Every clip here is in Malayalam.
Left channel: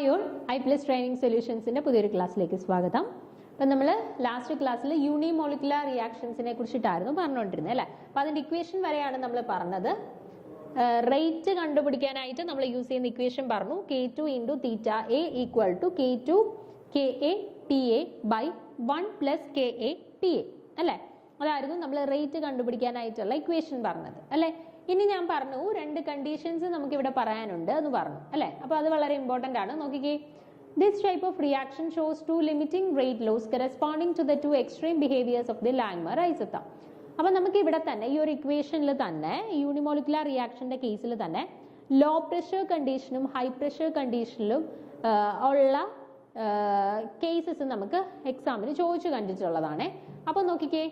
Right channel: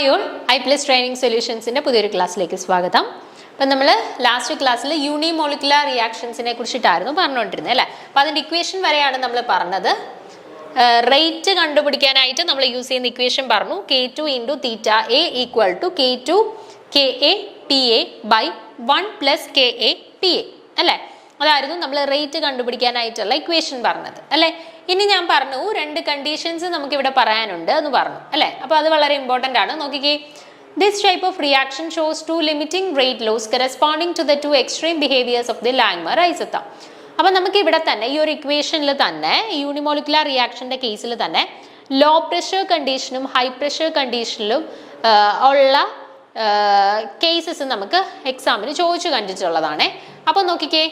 ഹായ് ഓൾ I+ ട്രെയിനിങ് സൊല്യൂഷൻസിൻ്റെ പുതിയൊരു ക്ലാസ്സിലേക്ക് സ്വാഗതം. അപ്പം നമ്മൾ ലാസ്റ്റ് ക്ലാസ്സിൽ യൂണിമോളിക്കുലർ റിയാക്ഷൻസിനെ കുറിച്ചിട്ടായിരുന്നു പറഞ്ഞുകൊണ്ടിരുന്നത് അല്ലേ. അപ്പോൾ അതിൻ്റെ ഇക്വേഷൻ വരെയാണ് നമ്മൾ പറഞ്ഞത്. റേറ്റ് കണ്ടുപിടിക്കാനായിട്ട് നമ്മൾ യൂസ് ചെയ്യുന്ന ഇക്വേഷൻ പറഞ്ഞു K2 × θA = K2 KA PA by 1 + KA PA അല്ലേ. അതായിരുന്നു നമ്മൾ റേറ്റ് കണ്ടുപിടിക്കാനായിട്ടുള്ള ഇക്വേഷൻ പറഞ്ഞത് അല്ലേ. ഇനി ഞാൻ പറഞ്ഞു രണ്ട് കണ്ടീഷൻസ് നമുക്ക് ഇവിടെ പറയാനുണ്ട് എന്ന് പറഞ്ഞു അല്ലേ. അപ്പോൾ അത് വളരെ ഇമ്പോർട്ടൻ്റ് ആണ്. നോക്കിക്കേ, this type of reaction shows two limiting rate laws corresponding to the two extreme behaviours of the Langmuir isotherm. അപ്പോൾ നമുക്ക് ഇവിടെ തന്നെ ഈ ഒരു ഇക്വേഷനിൽ തന്നെ യൂണിമോളിക്കുലർ റിയാക്ഷൻ്റെ കേസിൽ തന്നെ ലോ പ്രഷർ കണ്ടീഷനും ഹൈ പ്രഷർ കണ്ടീഷനിലും ഉള്ള കേസസ് നമുക്ക് എക്സാമിന് ചോദിച്ചു കണ്ടിട്ടുള്ളതാണ്. അപ്പോൾ നോക്കിക്കേ,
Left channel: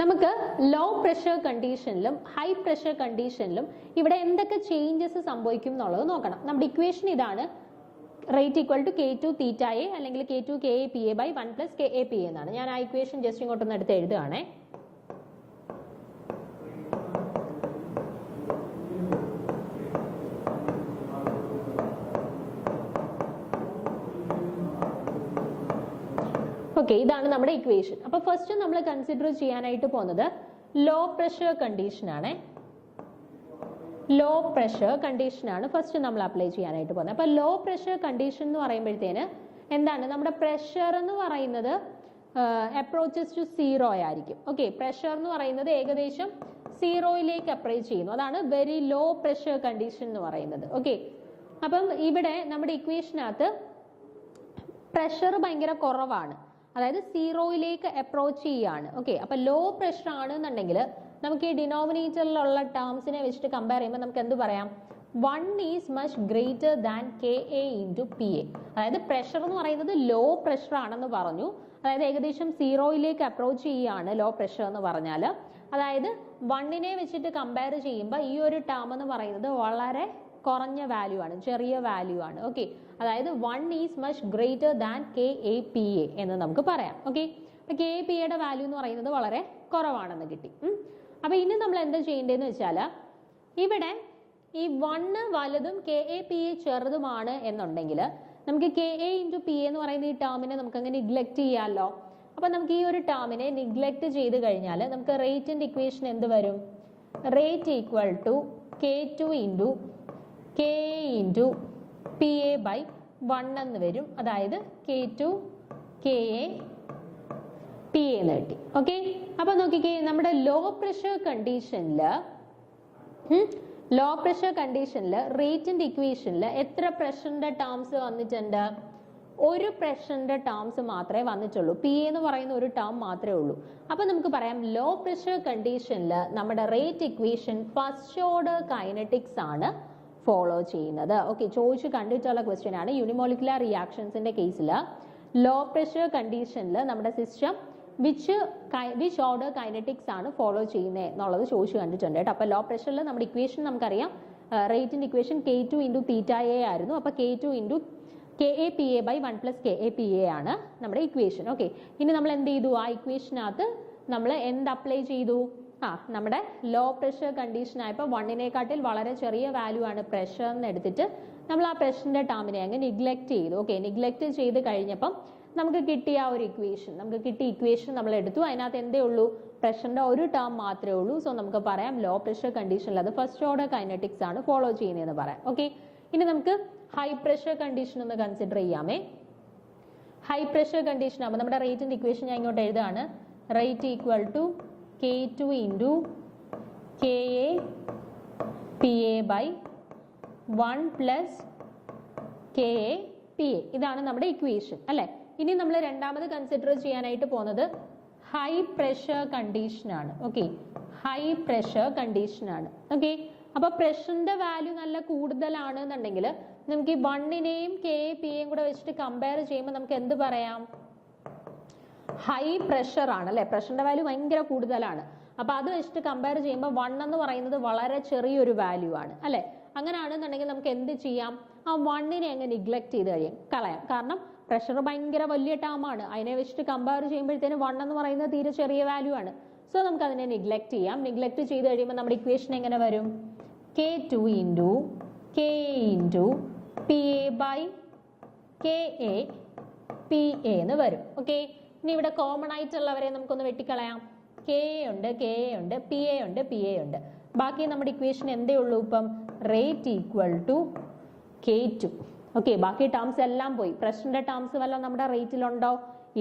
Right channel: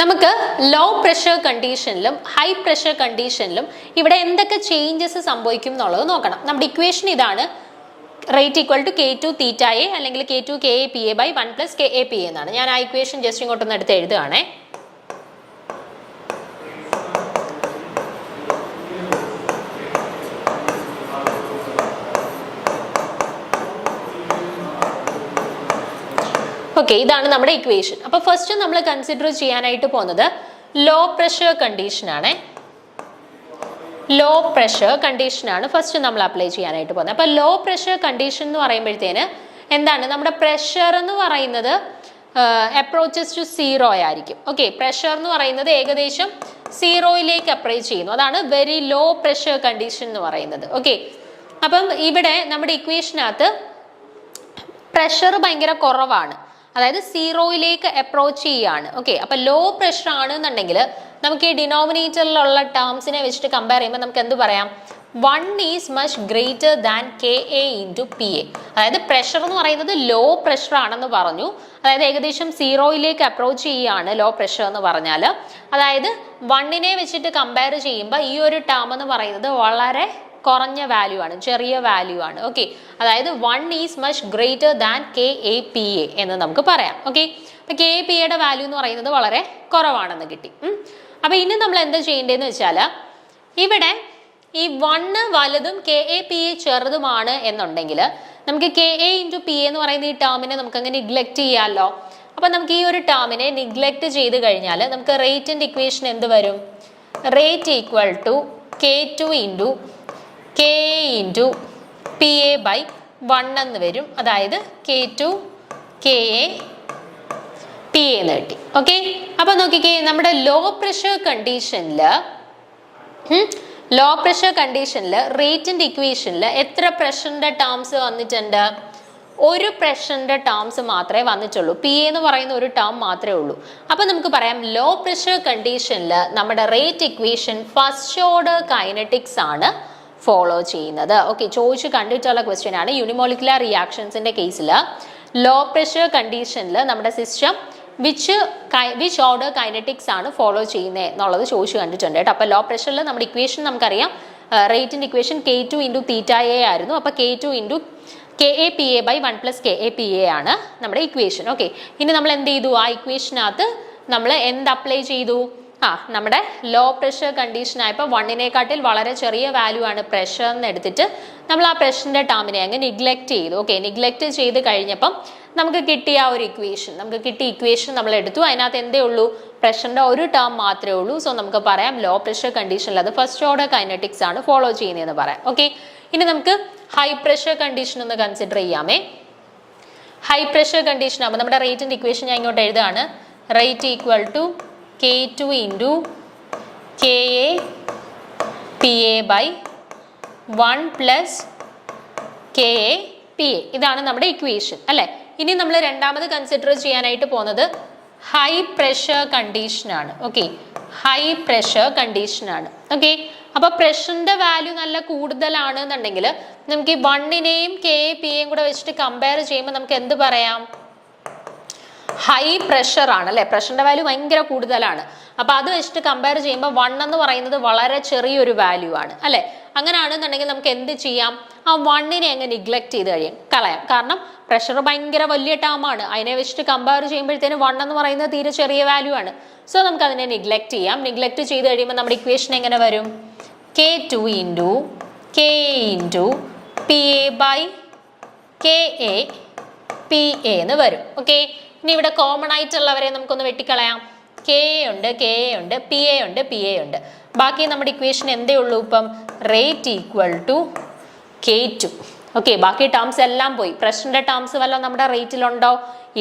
നമുക്ക് ലോ പ്രഷർ കണ്ടീഷനിലും ഹൈ പ്രഷർ കണ്ടീഷനിലും ഇവിടെ എന്തൊക്കെ ചേഞ്ചസ് സംഭവിക്കും എന്നുള്ളത് നോക്കണം. നമ്മുടെ ഇക്വേഷൻ ഇതാണ്, റേറ്റ് = K2 θA അല്ലെങ്കിൽ K2 KA PA by 1 + KA PA എന്നാണ്. ഞാൻ ആ ഇക്വേഷൻ ജസ്റ്റ് ഇങ്ങോട്ടൊന്ന് എടുത്ത് എഴുതുകയാണേ. ഓക്കെ, ഇതാണ് നമ്മുടെ ഇക്വേഷൻ. അപ്പോൾ ഫസ്റ്റ് നമ്മൾ കൺസിഡർ ചെയ്യാനായിട്ട് പോകുന്നത് ലോ പ്രഷർ കണ്ടീഷനാണ്. ലോ പ്രഷർ കണ്ടീഷനാണ് ഫസ്റ്റ് നമ്മൾ അപ്ലൈ ചെയ്യാനായിട്ട് പോകുന്നത്. അപ്പോൾ ലോ പ്രഷർ കണ്ടീഷൻ എന്ന് പറയുമ്പോഴത്തേന് എന്താണ്, നമ്മുടെ പ്രഷർ എന്ന് പറയുന്നത് അപ്രോച്ചസ് ടു 0 ആയിരിക്കും. ഓക്കെ, പ്രഷർ എന്ന് പറയുന്നത് ഏകദേശം 0യിലേക്ക് അപ്രോച്ച് ചെയ്യുന്നു. അതാണ് വെരി ലോ പ്രഷർ കണ്ടീഷൻ എന്ന് പറയുന്നത്. ഓക്കെ, അപ്പം ഇവിടെ നമ്മുടെ ഇക്വേഷനകത്ത് പ്രഷർ ഭയങ്കര കുറവാണ്, അതായത് 0യിലേക്ക് അപ്രോച്ച് ചെയ്യാണ്. ഓക്കെ, അപ്പോൾ ലോ പ്രഷർ ആണെന്നുണ്ടെങ്കിൽ നമുക്ക് ഈ ഡിനോമിനേറ്ററിലുള്ള ടേംസിനെ വെച്ചിട്ട് കമ്പയർ ചെയ്യുമ്പോൾ നമുക്ക് എന്ത് പറയാം, 1 is much greater than KA × PA. അതായത് പ്രഷർ എന്ന് പറയുന്നത് ലോ പ്രഷർ ആണെന്ന് പറഞ്ഞു, അതായത് ഏകദേശം 0യിലേക്ക് അപ്രോച്ച് ചെയ്യുകയാണ് ലോ പ്രഷർ എന്ന് പറഞ്ഞാൽ. അതായത് 1നെ വെച്ചിട്ട് കമ്പയർ ചെയ്യുമ്പോൾ ഈ ഒരു ടേം എന്ന് പറയുന്നത് വളരെ കുറഞ്ഞ വാല്യൂ ആണ്, ചെറിയ വാല്യൂ ആണ്. ഓക്കെ, അതായത് 1 is much greater than KA PA എന്ന് നമുക്ക് പറയാം. ഓക്കെ, അപ്പോൾ KA PAയുടെ വാല്യൂ എന്ന് പറയുന്നത് വളരെ കുറവാണെന്ന് കിട്ടി. അപ്പോൾ ഇനി നമ്മൾ എന്താ ചെയ്യേണ്ടതെന്ന് വെച്ചാൽ, ഇവിടെ ഈ 1 വലുതും KA PA ചെറുതുമാണ് എന്നുണ്ടെങ്കിൽ നമുക്ക് KA × PA എന്ന് പറയുന്ന ഈ ടേമിനെ നമുക്കങ്ങ് നിഗ്ലക്റ്റ് ചെയ്യാമല്ലോ. അപ്പോൾ നമുക്ക് ഈ ഒരു ടേമിനെ നിഗ്ലക്റ്റ് ചെയ്ത് കഴിഞ്ഞാൽ നമുക്ക് റേറ്റിൻ്റെ ഇക്വേഷൻ എന്ത് വരും, rate = K2 × KA × PA by 1 എന്ന് വരും. അതായത് K2 KA PA എന്ന് കിട്ടി. ഓക്കെ, അപ്പോൾ നോക്കിക്കേ, നമ്മുടെ ലോ പ്രഷർ കണ്ടീഷനിൽ റേറ്റിൻ്റെ ഇക്വേഷനിൽ എത്ര പ്രഷറിൻ്റെ ടേംസ് വന്നിട്ടുണ്ട്, ഒരു പ്രഷറിൻ്റെ ടേംസ് മാത്രമേ വന്നിട്ടുള്ളൂ. PA എന്ന് പറയുന്ന ഒരു ടേം മാത്രമേ ഉള്ളൂ. അപ്പോൾ നമുക്ക് പറയാം ലോ പ്രഷർ കണ്ടീഷനിൽ നമ്മുടെ rate equation first order kinetics ആണ് ഫോളോ ചെയ്യുന്നത്. ഓക്കെ, ചോദിച്ച് കണ്ടിട്ടുള്ള ക്വസ്റ്റ്യൻ ആണ്. യൂണിമോളിക്കുലർ റിയാക്ഷൻസിൻ്റെ കേസിൽ ലോ പ്രഷർ കണ്ടീഷനിൽ നമ്മുടെ സിസ്റ്റം വിച്ച് ഓർഡർ കൈനറ്റിക്സ് ആണ് ഫോളോ ചെയ്യുന്നത് എന്നുള്ളത് ചോദിച്ചു കണ്ടിട്ടുണ്ട് കേട്ടോ. അപ്പോൾ ലോ പ്രഷറിൽ നമ്മുടെ ഇക്വേഷൻ നമുക്കറിയാം, റേറ്റിൻ്റെ ഇക്വേഷൻ K2 × θA ആയിരുന്നു. അപ്പോൾ K2 × KA PA by 1 + KA PA ആണ് നമ്മുടെ ഇക്വേഷൻ. ഓക്കെ, ഇനി നമ്മൾ എന്ത് ചെയ്തു, ആ ഇക്വേഷനകത്ത് നമ്മൾ എന്ത് അപ്ലൈ ചെയ്തു, നമ്മുടെ ലോ പ്രഷർ കണ്ടീഷൻ ആയപ്പോൾ 1നേക്കാട്ടിൽ വളരെ ചെറിയ വാല്യൂ ആണ് പ്രഷർ എന്ന് എടുത്തിട്ട് നമ്മൾ ആ പ്രഷറിൻ്റെ ടേമിനെ അങ്ങ് നിഗ്ലക്റ്റ് ചെയ്തു. ഓക്കെ, നിഗ്ലക്റ്റ് ചെയ്ത് കഴിഞ്ഞപ്പം നമുക്ക് കിട്ടിയ ആ ഒരു ഇക്വേഷൻ, നമ്മൾ എടുത്തു. അതിനകത്ത് എന്തേ ഉള്ളൂ, പ്രഷറിൻ്റെ ഒരു ടേം മാത്രമേ ഉള്ളൂ. സോ നമുക്ക് പറയാം ലോ പ്രഷർ കണ്ടീഷനിൽ അത് ഫസ്റ്റ് ഓർഡർ കൈനറ്റിക്സ് ആണ് ഫോളോ ചെയ്യുന്നതെന്ന് പറയാം. ഓക്കെ, ഇനി നമുക്ക് ഹൈ പ്രഷർ കണ്ടീഷൻ ഒന്ന് കൺസിഡർ ചെയ്യാമേ. ഹൈ പ്രഷർ കണ്ടീഷൻ ആകുമ്പോൾ നമ്മുടെ റേറ്റിൻ്റെ ഇക്വേഷൻ ഞാൻ ഇങ്ങോട്ട് എഴുതുകയാണ്. Rate = K2 × KA PA by 1 + KA PA. ഇതാണ് നമ്മുടെ ഇക്വേഷൻ അല്ലേ. ഇനി നമ്മൾ രണ്ടാമത് കൺസിഡർ ചെയ്യാനായിട്ട് പോകുന്നത് ഹൈ പ്രഷർ കണ്ടീഷനാണ്. ഓക്കെ, ഹൈ പ്രഷർ കണ്ടീഷനാണ്. ഓക്കെ, അപ്പോൾ പ്രഷറിൻ്റെ വാല്യൂ നല്ല കൂടുതലാണ് എന്നുണ്ടെങ്കിൽ നമുക്ക് ഈ 1നെയും KA PAയും കൂടെ വെച്ചിട്ട് കമ്പയർ ചെയ്യുമ്പോൾ നമുക്ക് എന്ത് പറയാം, ഹൈ പ്രഷർ ആണ് അല്ലേ. പ്രഷറിൻ്റെ വാല്യൂ ഭയങ്കര കൂടുതലാണ്. അപ്പോൾ അത് വെച്ചിട്ട് കമ്പയർ ചെയ്യുമ്പോൾ 1 എന്ന് പറയുന്നത് വളരെ ചെറിയൊരു വാല്യൂ ആണ് അല്ലേ. അങ്ങനെയാണെന്നുണ്ടെങ്കിൽ നമുക്ക് എന്ത് ചെയ്യാം, ആ 1നെ അങ്ങ് നിഗ്ലക്റ്റ് ചെയ്ത് കളയാം. കാരണം പ്രഷർ ഭയങ്കര വലിയ ടേമാണ്, അതിനെ വെച്ചിട്ട് കമ്പയർ ചെയ്യുമ്പോഴത്തേന് 1 എന്ന് പറയുന്നത് തീരെ ചെറിയ വാല്യൂ ആണ്. സോ നമുക്ക് അതിനെ നിഗ്ലക്റ്റ് ചെയ്യാം. നിഗ്ലക്റ്റ് ചെയ്ത് കഴിയുമ്പോൾ നമ്മുടെ ഇക്വേഷൻ എങ്ങനെ വരും, K2 × KA × P A by K A P A എന്ന് വരും. ഓക്കെ, ഇനി ഇവിടെ കോമൺ ആയിട്ടുള്ളവരെ നമുക്കൊന്ന് വെട്ടിക്കളയാം. കെ എ ഉണ്ട്, കെ എ ഉണ്ട്, പി എ ഉണ്ട്, പി എ ഉണ്ട്. ബാക്കി നമ്മുടെ ഇക്വേഷൻ എന്തേ ഉള്ളൂ ഇപ്പം? Rate equal to K2. Okay, ബാക്കി ടേംസ് എല്ലാം പോയി. പ്രഷറിന്റെ ടേംസ് വല്ലതും നമ്മുടെ റേറ്റിലുണ്ടോ?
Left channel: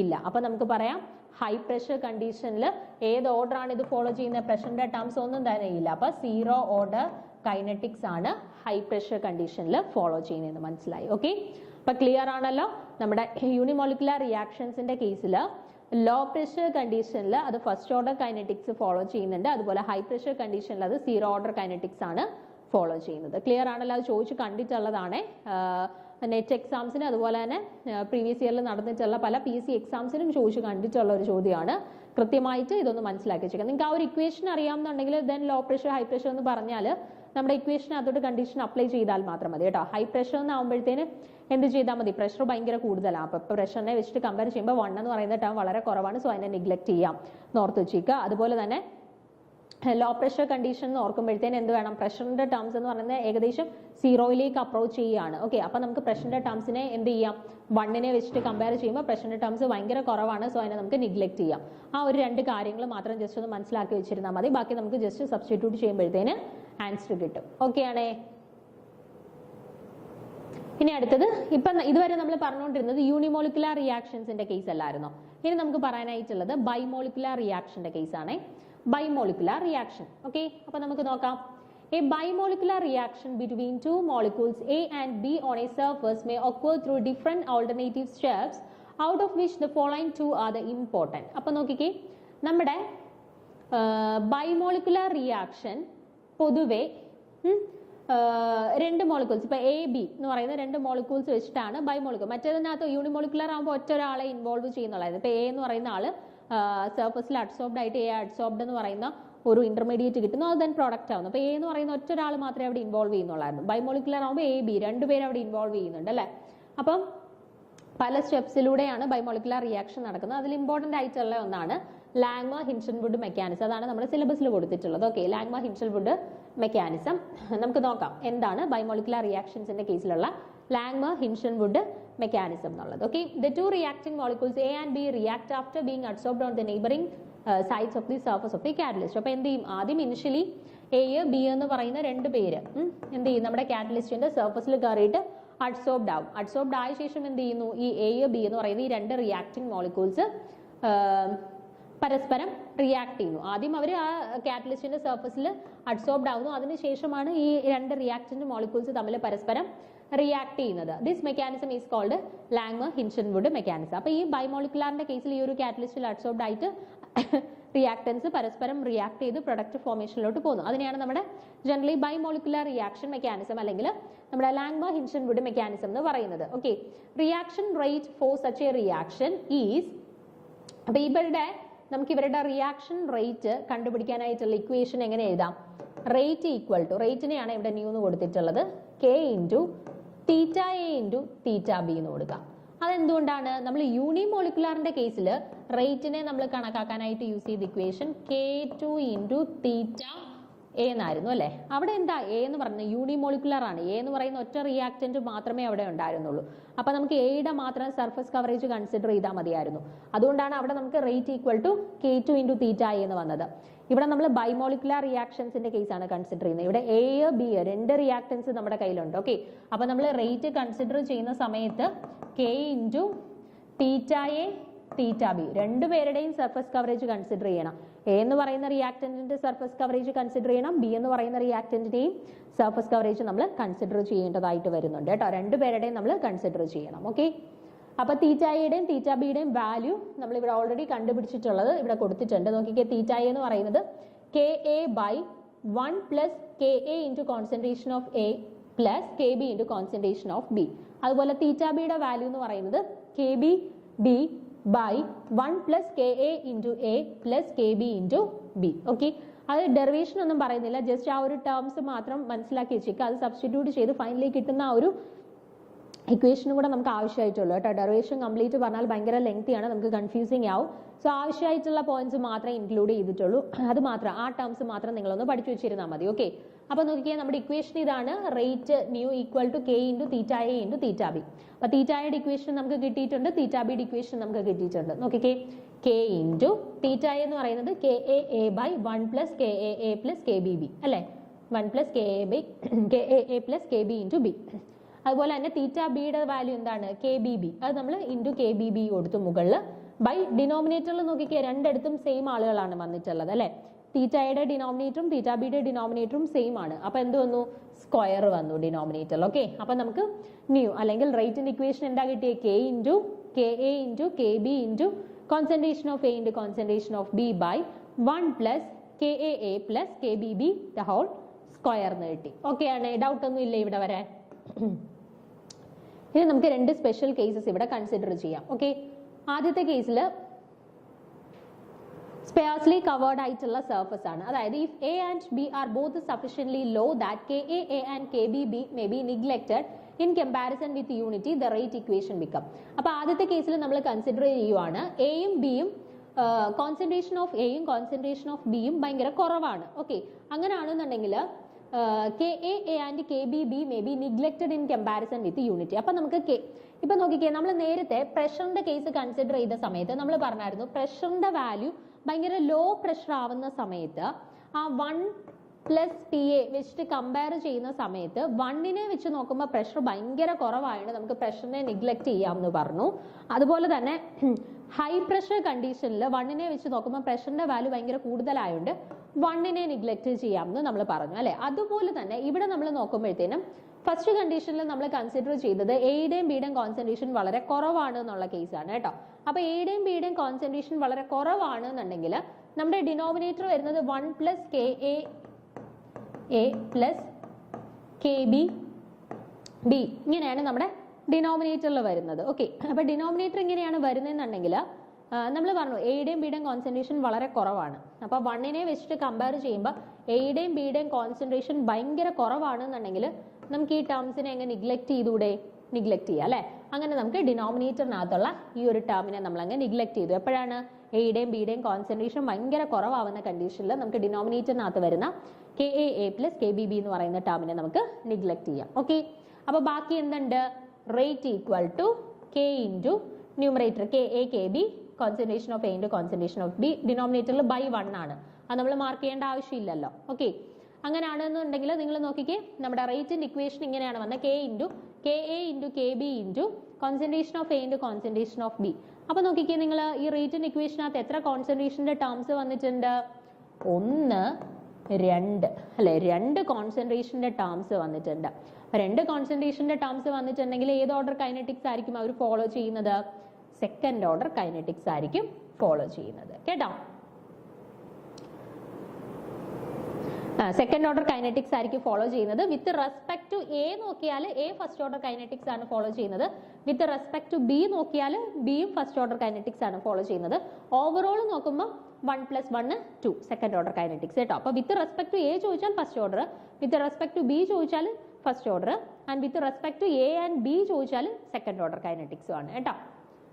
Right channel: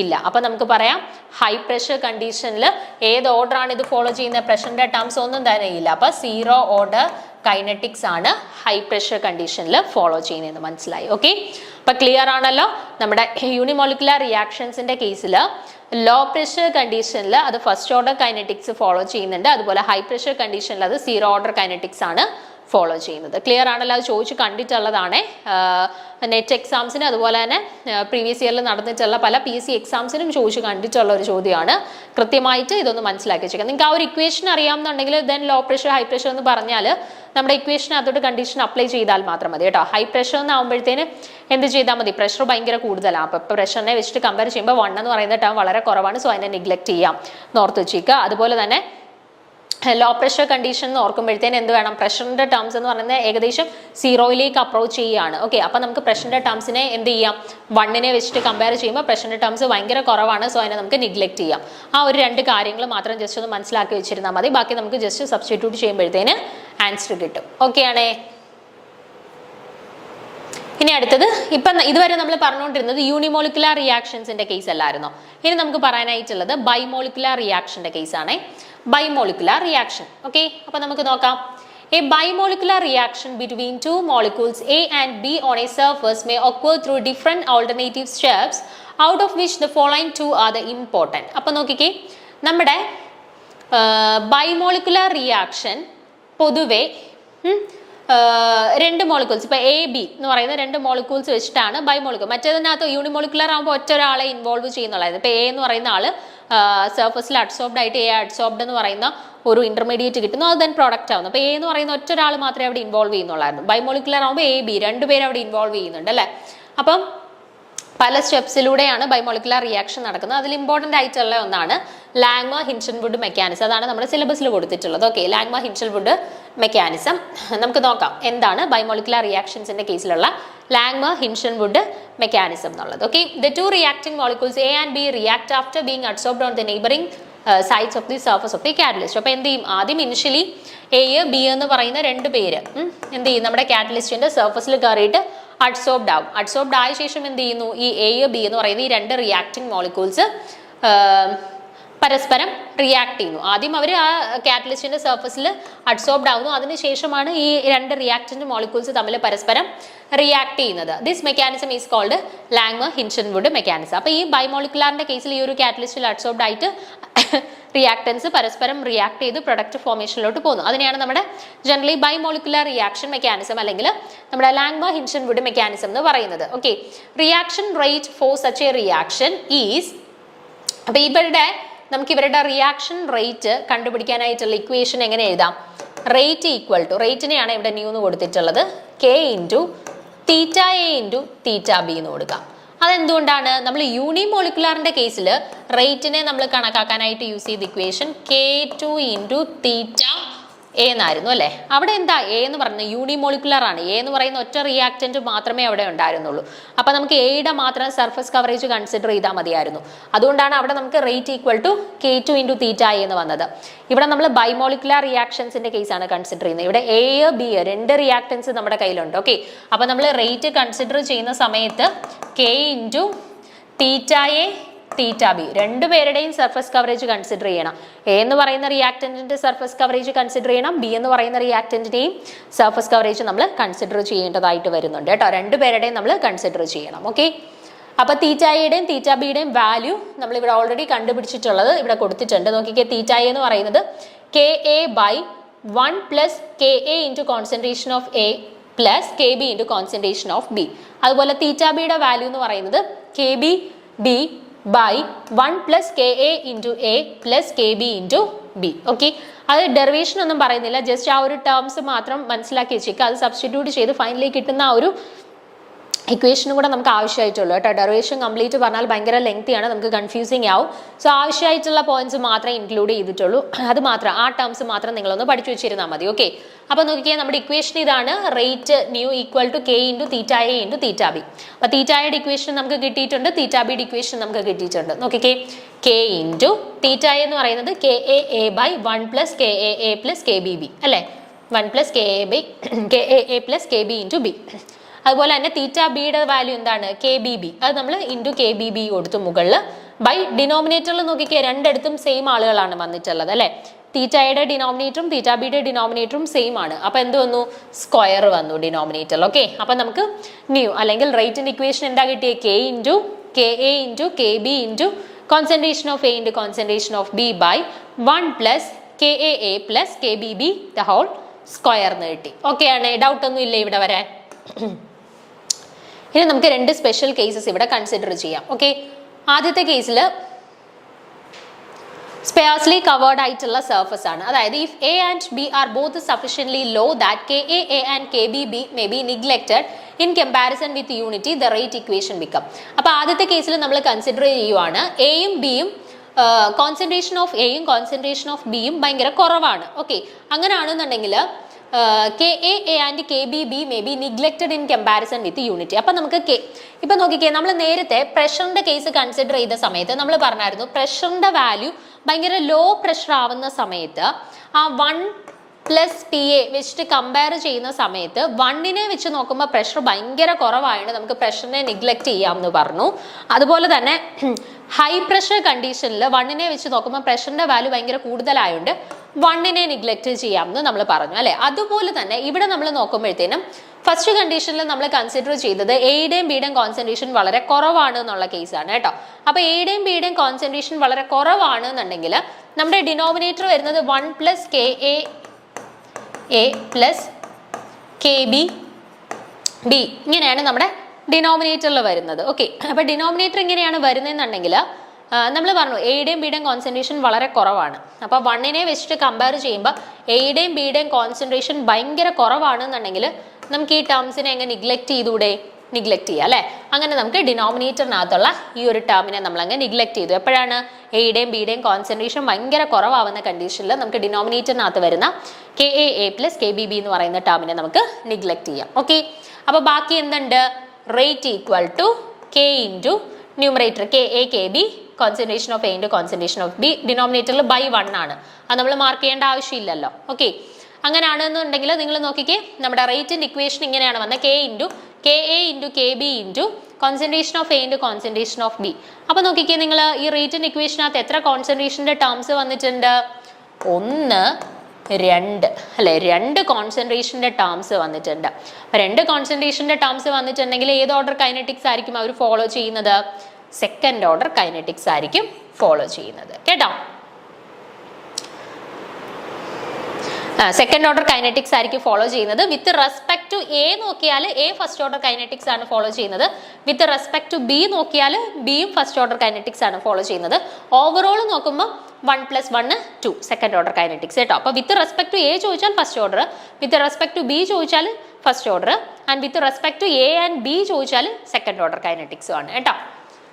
ഇല്ല. അപ്പൊ നമുക്ക് പറയാം ഹൈ പ്രഷർ കണ്ടീഷനിൽ ഏത് ഓർഡർ ആണ് ഇത് ഫോളോ ചെയ്യുന്നത്? പ്രഷറിന്റെ ടേംസ് ഒന്നും തന്നെ ഇല്ല. അപ്പൊ 0 ഓർഡർ കൈനറ്റിക്സ് ആണ് ഹൈ പ്രഷർ കണ്ടീഷനിൽ ഫോളോ ചെയ്യുന്നത്. മനസ്സിലായി? ഓക്കെ, അപ്പൊ ക്ലിയർ ആണല്ലോ. നമ്മുടെ യൂണിമോളിക്കുലർ റിയാക്ഷൻസിന്റെ കേസിൽ ലോ പ്രഷർ കണ്ടീഷനിൽ അത് ഫസ്റ്റ് ഓർഡർ കൈനറ്റിക്സ് ഫോളോ ചെയ്യുന്നുണ്ട്. അതുപോലെ ഹൈ പ്രഷർ കണ്ടീഷനിൽ അത് 0 ഓർഡർ കൈനറ്റിക്സ് ആണ് ഫോളോ ചെയ്യുന്നത്. ക്ലിയർ ആണല്ലോ? അത് ചോദിച്ച് കണ്ടിട്ടുള്ളതാണ് നെറ്റ് എക്സാംസിന്, അതുപോലെ തന്നെ പ്രീവിയസ് ഇയറിൽ നടന്നിട്ടുള്ള പല PSC എക്സാംസിനും ചോദിച്ച് കണ്ടിട്ടുള്ള ഒരു ചോദ്യമാണ്. കൃത്യമായിട്ട് ഇതൊന്ന് മനസ്സിലാക്കി വെച്ചേക്കാം. നിങ്ങൾക്ക് ആ ഒരു ഇക്വേഷൻ അറിയാമെന്നുണ്ടെങ്കിൽ then low pressure high pressure എന്ന് പറഞ്ഞാൽ നമ്മുടെ ഇക്വേഷൻ അതോട്ട് കണ്ടീഷൻ അപ്ലൈ ചെയ്താൽ മാത്രം മതി കേട്ടോ. ഹൈ പ്രഷർ എന്നാകുമ്പോഴത്തേന് എന്ത് ചെയ്താൽ മതി? പ്രഷർ ഭയങ്കര കൂടുതലാണ്. അപ്പോൾ പ്രഷറിനെ വെച്ചിട്ട് കമ്പയർ ചെയ്യുമ്പോൾ 1 എന്ന് പറയുന്ന ടേം വളരെ കുറവാണ്. സോ അതിനെ നെഗ്ലക്ട് ചെയ്യാം, നോർത്ത് വെച്ചേക്കുക. അതുപോലെ തന്നെ ലോ പ്രഷർ കണ്ടീഷൻ എന്ന് ഓർക്കുമ്പോഴത്തേന് എന്ത് വേണം? പ്രഷറിന്റെ ടേംസ് എന്ന് പറയുന്നത് ഏകദേശം 0യിലേക്ക് അപ്രോച്ച് ചെയ്യുകയാണ്. ഓക്കെ, അപ്പം നമുക്ക് പ്രഷറിന്റെ ടേംസിനെ എന്ത് ചെയ്യാം? 1നെ വെച്ചിട്ട് കമ്പയർ ചെയ്യുമ്പോൾ പ്രഷറിന്റെ ടേംസ് ഭയങ്കര കുറവാണ്. സോ അതിനെ നമുക്ക് നെഗ്ലക്ട് ചെയ്യാം. ആ ഒരു 2 കാര്യങ്ങൾ മാത്രം ജസ്റ്റ് ഒന്ന് മനസ്സിലാക്കി വെച്ചിരുന്നാൽ മതി. ബാക്കി നമുക്ക് ജസ്റ്റ് സബ്സ്റ്റിറ്റ്യൂട്ട് ചെയ്യുമ്പോഴത്തേന് ആൻസർ കിട്ടും. ഓക്കെ ആണേ? ഇനി അടുത്തത്, ഇപ്പം ഇതുവരെ നമ്മൾ പറഞ്ഞുകൊണ്ടിരുന്നത് യൂണിമോളിക്കുലർ റിയാക്ഷൻസിന്റെ കേസ് അല്ലായിരുന്നോ? ഇനി നമുക്ക് പറയാനായിട്ടുള്ളത് ബൈമോളിക്കുലർ റിയാക്ഷന്റെ കേസാണ്. ബൈമോളിക്കുലർ റിയാക്ഷൻ. ഓക്കെ, അപ്പൊ നമുക്ക് നോക്കാം. A bimolecular reaction between two molecules A and B on a surface may occur through different alternative steps, out of which the following two are the important. അപ്പൊ നോക്കിക്കേ, നമ്മുടെ ബൈമോളിക്കുലർ റിയാക്ഷൻ പൊതുവെ 2 മോളിക്യൂൾസ്, ഇപ്പൊ എ ബി എന്ന് പറയുന്ന 2 മോളിക്യൂൾസ് വെച്ചിട്ടാണ് ബൈമോളിക്യൂൾ. മറ്റേതിനകത്ത് യൂണിമോളിക്കുലർ ആകുമ്പോൾ ഒറ്റ ഒരാളെ ഇൻവോൾവ് ചെയ്യുന്നുള്ളായിരുന്നു. ഇപ്പൊ എ എന്ന് പറയുന്ന ആള് സർഫസിൽ അഡ്സോർബ്ഡ് ആയിട്ട് എ അഡ്സോർബ്ഡ് എന്ന് പറയുന്ന ഒരു ഇന്റർമീഡിയറ്റ് കിട്ടുന്നു, അത് ദെൻ പ്രോഡക്റ്റ് ആവുന്നു. അപ്പോൾ എ എന്ന് പറയുന്ന ഒറ്റ ഒരാൾ മാത്രമേ അവിടെ ഇൻവോൾവ് ചെയ്യുന്നുള്ളായിരുന്നു. ബൈമോളിക്കുലർ ആകുമ്പോൾ എ ബി 2 പേര് അവിടെ ഇൻവോൾവ് ചെയ്യുന്നുണ്ട് അല്ലേ? അപ്പം പല സ്റ്റെപ്സിലൂടെയാണ് ബൈമോളിക്കുലർ റിയാക്ഷൻ നടക്കുന്നത്. അതിൽ ഇമ്പോർട്ടൻ്റ് ആയിട്ടുള്ള ഒന്നാണ് ലാങ്മ ഹിൻഷൻവുഡ് മെക്കാനിസം. അതാണ് നമ്മുടെ സിലബസിൽ കൊടുത്തിട്ടുള്ളത്. ഓക്കെ, ലാങ്മ ഹിൻഷൻവുഡ് മെക്കാനിസം നമുക്ക് നോക്കാം എന്താണ് ബൈമോളിക്കുലർ റിയാക്ഷൻസിന്റെ കേസിലുള്ള ലാങ്മ ഹിൻഷൻവുഡ് മെക്കാനിസം എന്നുള്ളത്. Okay, the 2 reacting molecules A and B react after being adsorbed on the neighbouring sides of the surface of the catalyst. അപ്പോൾ എന്ത് ചെയ്യും? ആദ്യം ഇനിഷ്യലി എ ബി എന്ന് പറയുന്ന 2 പേര് എന്ത് ചെയ്യും? നമ്മുടെ കാറ്റലിസ്റ്റിന്റെ സർഫസിൽ കയറിയിട്ട് അഡ്സോർബ്ഡ് ആവും. അഡ്സോർബ്ഡ് ആയ ശേഷം എന്ത് ചെയ്യുന്നു? ഈ എ ബി എന്ന് പറയുന്ന ഈ 2 റിയാക്ടിംഗ് മോളിക്യൂൾസ് പരസ്പരം റിയാക്ട് ചെയ്യുന്നു. ആദ്യം അവർ ആ കാറ്റലിസ്റ്റിന്റെ സർഫസിൽ അഡ്സോർബ്ഡ് ആവുന്നു. അതിനുശേഷമാണ് ഈ 2 റിയാക്ടന്റ് മോളിക്യൂൾസ് തമ്മിൽ പരസ്പരം റിയാക്ട് ചെയ്യുന്നത്. ദിസ് മെക്കാനിസം ഈസ് കോൾഡ് ലാങ്മ ഹിൻഷൻവുഡ് മെക്കാനിസം. അപ്പോൾ ഈ ബൈമോളിക്കുലാറിന്റെ കേസിൽ ഈ ഒരു കാറ്റലിസ്റ്റിൽ അഡ്സോർബ്ഡ് ആയിട്ട് റിയാക്ടൻസ് പരസ്പരം റിയാക്ട് ചെയ്ത് പ്രൊഡക്റ്റ് ഫോർമേഷനിലോട്ട് പോകുന്നു. അതിനെയാണ് നമ്മുടെ ജനറലി ബൈമോളിക്കുലർ റിയാക്ഷൻ മെക്കാനിസം അല്ലെങ്കിൽ നമ്മുടെ ലാങ്മ ഹിൻഷൻവുഡ് മെക്കാനിസം എന്ന് പറയുന്നത്. Okay, reaction rate for such A reaction is, അപ്പോൾ ഇവരുടെ റിയാക്ഷൻ റേറ്റ് കണ്ടുപിടിക്കാനായിട്ടുള്ള ഇക്വേഷൻ എങ്ങനെ എഴുതാം? റേറ്റ് ഈക്വൽ ടു, റേറ്റിനെയാണ് ഇവിടെ ന്യൂ എന്ന് കൊടുത്തിട്ടുള്ളത്, K into theta A into theta B എന്ന് കൊടുക്കാം. അതെന്തുകൊണ്ടാണ്? നമ്മൾ യൂണിമോളിക്കുലാറിന്റെ കേസിൽ റേറ്റിനെ നമ്മൾ കണക്കാക്കാനായിട്ട് യൂസ് ചെയ്ത equation K2 into theta A എന്നായിരുന്നു അല്ലേ? അവിടെ എന്താ എ എന്ന് പറയുന്നത്? യൂണിമോളിക്കുലർ ആണ്. എ എന്ന് പറയുന്ന ഒറ്റ റിയാക്റ്റന്റ് മാത്രമേ അവിടെ ഉണ്ടായിരുന്നുള്ളൂ. അപ്പൊ നമുക്ക് എയുടെ മാത്രം സർഫസ് കവറേജ് കൺസിഡർ ചെയ്താൽ മതിയായിരുന്നു. അതുകൊണ്ടാണ് അവിടെ നമുക്ക് rate equal to K2 into theta A എന്ന് വന്നത്. ഇവിടെ നമ്മൾ ബൈമോളിക്കുലർ റിയാക്ഷൻസിന്റെ കേസാണ് കൺസിഡർ ചെയ്യുന്നത്. ഇവിടെ എ ബി 2 റിയാക്ടൻസ് നമ്മുടെ കയ്യിലുണ്ട്. ഓക്കെ, അപ്പൊ നമ്മൾ റേറ്റ് കൺസിഡർ ചെയ്യുന്ന സമയത്ത് K into theta A theta B 2 പേരുടെയും സർഫസ് കവറേജ് കൺസിഡർ ചെയ്യണം. എ എന്ന് പറയുന്ന റിയാക്ടന്റിന്റെ സർഫസ് കവറേജ് കൺസിഡർ ചെയ്യണം, ബി എന്ന് പറയുന്ന റിയാക്ടന്റിന്റെയും സർഫസ് കവറേജ് നമ്മൾ കൺസിഡർ ചെയ്യേണ്ടതായിട്ട് വരുന്നുണ്ട് കേട്ടോ. 2 പേരുടെയും നമ്മൾ കൺസിഡർ ചെയ്യണം. ഓക്കെ, അപ്പൊ തീറ്റ എയുടെയും തീറ്റ ബിയുടെയും വാല്യൂ നമ്മൾ ഇവിടെ ഓൾറെഡി കണ്ടുപിടിച്ചിട്ടുള്ളത് ഇവിടെ കൊടുത്തിട്ടുണ്ട്. നോക്കിക്കേ, തീറ്റ എ എന്ന് പറയുന്നത് KA by 1 plus KA into concentration of A plus KB into concentration of B. അതുപോലെ തീറ്റ ബിയുടെ വാല്യൂ എന്ന് പറയുന്നത് KB B by 1 plus KA into A plus KB into B. Okay, അത് ഡെറിവേഷൻ ഒന്നും പറയുന്നില്ല, ജസ്റ്റ് ആ ഒരു ടേംസ് മാത്രം മനസ്സിലാക്കി വെച്ചേക്കുക. അത് സബ്സ്റ്റിറ്റ്യൂട്ട് ചെയ്ത് ഫൈനലി കിട്ടുന്ന ആ ഒരു ഇക്വേഷനും കൂടെ നമുക്ക് ആവശ്യമായിട്ടുള്ളൂ കേട്ടോ. ഡെറിവേഷൻ കംപ്ലീറ്റ് പറഞ്ഞാൽ ഭയങ്കര ലെങ്തിയാണ്, നമുക്ക് കൺഫ്യൂസിങ് ആവും. സോ ആവശ്യമായിട്ടുള്ള പോയിന്റ്സ് മാത്രമേ ഇൻക്ലൂഡ് ചെയ്തിട്ടുള്ളൂ. അത് മാത്രം, ആ ടേംസ് മാത്രം നിങ്ങളൊന്ന് പഠിച്ചു വെച്ചിരുന്നാൽ മതി. ഓക്കെ, അപ്പോൾ നോക്കിയാൽ നമ്മുടെ ഇക്വേഷൻ ഇതാണ്. Rate new equal to K into theta A into theta B. അപ്പോൾ തീറ്റയുടെ ഇക്വേഷൻ നമുക്ക് കിട്ടിയിട്ടുണ്ട്, തീറ്റ ബിയുടെ ഇക്വേഷൻ നമുക്ക് കിട്ടിയിട്ടുണ്ട്. നോക്കിക്കേ, കെ ഇൻറ്റു തീറ്റ എന്ന് പറയുന്നത് K A by 1 plus K A plus K B B അല്ലേ, 1 plus K A plus K B into B. അതുപോലെ തന്നെ തീറ്റ ബിയുടെ വാല്യൂ എന്താണ്, കെ ബി ബി, അത് നമ്മൾ ഇൻറ്റു കെ ബി ബി കൊടുത്തു മുകളിൽ. ബൈ ഡിനോമിനേറ്ററിൽ നോക്കിക്കേ, രണ്ടിടത്തും സെയിം ആളുകളാണ് വന്നിട്ടുള്ളത് അല്ലേ. തീറ്റയുടെ ഡിനോമിനേറ്ററും തീറ്റ ബിയുടെ ഡിനോമിനേറ്ററും സെയിം ആണ്. അപ്പോൾ എന്ത് വന്നു, സ്ക്വയർ വന്നു ഡിനോമിനേറ്ററിൽ. ഓക്കെ, അപ്പം നമുക്ക് ന്യൂ അല്ലെങ്കിൽ റേറ്റിൻ്റെ ഇക്വേഷൻ എന്താ കിട്ടിയത്, K into K A into K B into concentration of A into concentration of B by 1 plus K A plus K B B the whole square എന്ന് കിട്ടി. ഓക്കെ ആണ്, ഡൗട്ടൊന്നും ഇല്ല ഇവിടെ വരാൻ. ഇനി നമുക്ക് രണ്ട് സ്പെഷ്യൽ കേസസ് ഇവിടെ കൺസിഡർ ചെയ്യാം. ഓക്കെ, ആദ്യത്തെ കേസിൽ സ്പേഴ്സ്ലി കവേർഡ് ആയിട്ടുള്ള സർഫസ് ആണ്. അതായത് if A and B are both sufficiently low that K A and K B B may be neglected in comparison with unity the rate equation become. അപ്പോൾ ആദ്യത്തെ കേസിൽ നമ്മൾ കൺസിഡർ ചെയ്യുവാണ് എയും ബിയും കോൺസെൻട്രേഷൻ ഓഫ് എയും കോൺസെൻട്രേഷൻ ഓഫ് ബിയും ഭയങ്കര കുറവാണ്. ഓക്കെ, അങ്ങനെയാണെന്നുണ്ടെങ്കിൽ K A and K B B may be neglected in comparison with unity. അപ്പം നമുക്ക് ഇപ്പം നോക്കിക്കേ, നമ്മൾ നേരത്തെ പ്രഷറിൻ്റെ കേസ് കൺസിഡർ ചെയ്ത സമയത്ത് നമ്മൾ പറഞ്ഞായിരുന്നു പ്രഷറിൻ്റെ വാല്യൂ ഭയങ്കര ലോ പ്രഷർ ആവുന്ന സമയത്ത് ആ 1 പ്ലസ് പി എ വെച്ചിട്ട് കമ്പയർ ചെയ്യുന്ന സമയത്ത് 1നെ വെച്ച് നോക്കുമ്പോൾ പ്രഷർ ഭയങ്കര കുറവായതുകൊണ്ട് നമുക്ക് പ്രഷറിനെ നിഗ്ലെക്റ്റ് ചെയ്യാമെന്ന് പറഞ്ഞു. അതുപോലെ തന്നെ ഹൈ പ്രഷർ കണ്ടീഷനിൽ 1നെ വെച്ച് നോക്കുമ്പോൾ പ്രഷറിൻ്റെ വാല്യൂ ഭയങ്കര കൂടുതലായതുകൊണ്ട് 1നെ നിഗ്ലെക്റ്റ് ചെയ്യാമെന്ന് നമ്മൾ പറഞ്ഞു അല്ലേ. അതുപോലെ തന്നെ ഇവിടെ നമ്മൾ നോക്കുമ്പോഴത്തേനും ഫസ്റ്റ് കണ്ടീഷനിൽ നമ്മൾ കൺസിഡർ ചെയ്തത് എയുടെയും ബിയുടെയും കോൺസെൻട്രേഷൻ വളരെ കുറവാണ് എന്നുള്ള കേസാണ് കേട്ടോ. അപ്പോൾ എയുടെയും ബിയുടെയും കോൺസെൻട്രേഷൻ വളരെ കുറവാണ് എന്നുണ്ടെങ്കിൽ നമ്മുടെ ഡിനോമിനേറ്റർ വരുന്നത് 1 plus K A plus K B B ഇങ്ങനെയാണ് നമ്മുടെ ഡിനോമിനേറ്ററിൽ വരുന്നത്. ഓക്കെ, അപ്പോൾ ഡിനോമിനേറ്റർ ഇങ്ങനെയാണ് വരുന്നതെന്നുണ്ടെങ്കിൽ നമ്മൾ പറഞ്ഞു എയുടെയും ബിയുടെയും കോൺസെൻട്രേഷൻ വളരെ കുറവാണ്. അപ്പോൾ 1നെ വെച്ചിട്ട് കമ്പയർ ചെയ്യുമ്പോൾ എയുടെയും ബിയുടെയും കോൺസെൻട്രേഷൻ ഭയങ്കര കുറവാണെന്നുണ്ടെങ്കിൽ നമുക്ക് ഈ ടേംസിനെ എങ്ങനെ നിഗ്ലെക്റ്റ് ചെയ്തൂടെ, നിഗ്ലെക്റ്റ് ചെയ്യുക അല്ലേ. അങ്ങനെ നമുക്ക് ഡിനോമിനേറ്ററിനകത്തുള്ള ഈ ഒരു ടേമിനെ നമ്മൾ അങ്ങ് നിഗ്ലെക്റ്റ് ചെയ്തു. എപ്പോഴാണ് എയുടെയും ബിയുടെയും കോൺസെൻട്രേഷൻ ഭയങ്കര കുറവാകുന്ന കണ്ടീഷനിൽ നമുക്ക് ഡിനോമിനേറ്ററിനകത്ത് വരുന്ന K A plus K B B എന്ന് പറയുന്ന ടേമിനെ നമുക്ക് നിഗ്ലെക്റ്റ് ചെയ്യാം. ഓക്കെ, അപ്പോൾ ബാക്കി എന്തുണ്ട്, rate equal to K into numerator K A K B concentration of A into concentration of B ഡിനോമിനേറ്ററിൽ ബൈ 1 ആണ്. അത് നമ്മൾ മാർക്ക് ചെയ്യേണ്ട ആവശ്യമില്ലല്ലോ. ഓക്കെ, അങ്ങനെയാണെന്നുണ്ടെങ്കിൽ നിങ്ങൾ നോക്കിക്കേ, നമ്മുടെ റേറ്റിൻ്റെ ഇക്വേഷൻ ഇങ്ങനെയാണ് വന്നത്, K A into K B into concentration of A into concentration of B. അപ്പോൾ നോക്കിക്കേ, നിങ്ങൾ ഈ റേറ്റിൻ്റെ ഇക്വേഷനകത്ത് എത്ര കോൺസെൻട്രേഷൻ്റെ ടേംസ് വന്നിട്ടുണ്ട്, 1 2 അല്ലേ, 2 കോൺസെൻട്രേഷൻ്റെ ടേംസ് വന്നിട്ടുണ്ട്. 2 കോൺസെൻട്രേഷൻ്റെ ടേംസ് വന്നിട്ടുണ്ടെങ്കിൽ ഏത് ഓർഡർ കൈനറ്റിക്സ് ആയിരിക്കും അവർ ഫോളോ ചെയ്യുന്നത്, സെക്കൻഡ് ഓർഡർ കൈനറ്റിക്സ് ആയിരിക്കും ഫോളോ ചെയ്യുന്നത് കേട്ടോ. സെക്കൻഡ് ഓർഡർ കൈനറ്റിക്സ് ആയിരിക്കും ഫോളോ ചെയ്യുന്നത്. വിത്ത് റെസ്പെക്ട് ടു എ നോക്കിയാൽ എ ഫസ്റ്റ് ഓർഡർ കൈനറ്റിക്സ് ആണ് ഫോളോ ചെയ്യുന്നത്. വിത്ത് റെസ്പെക്ട് ടു ബി നോക്കിയാൽ ബിയും ഫസ്റ്റ് ഓർഡർ കൈനറ്റിക്സ് ആണ് ഫോളോ ചെയ്യുന്നത്. ഓവറോൾ നോക്കുമ്പോൾ 1 + 1 2 സെക്കൻഡ് ഓർഡർ കൈനറ്റിക്സ് കേട്ടോ. അപ്പോൾ വിത്ത് റെസ്പെക്ട് ടു എ ചോദിച്ചാൽ first order, with respect to B ചോദിച്ചാൽ first order, and with respect to A and B ചോദിച്ചാൽ സെക്കൻഡ് ഓർഡർ കൈനറ്റിക്സും ആണ് കേട്ടോ.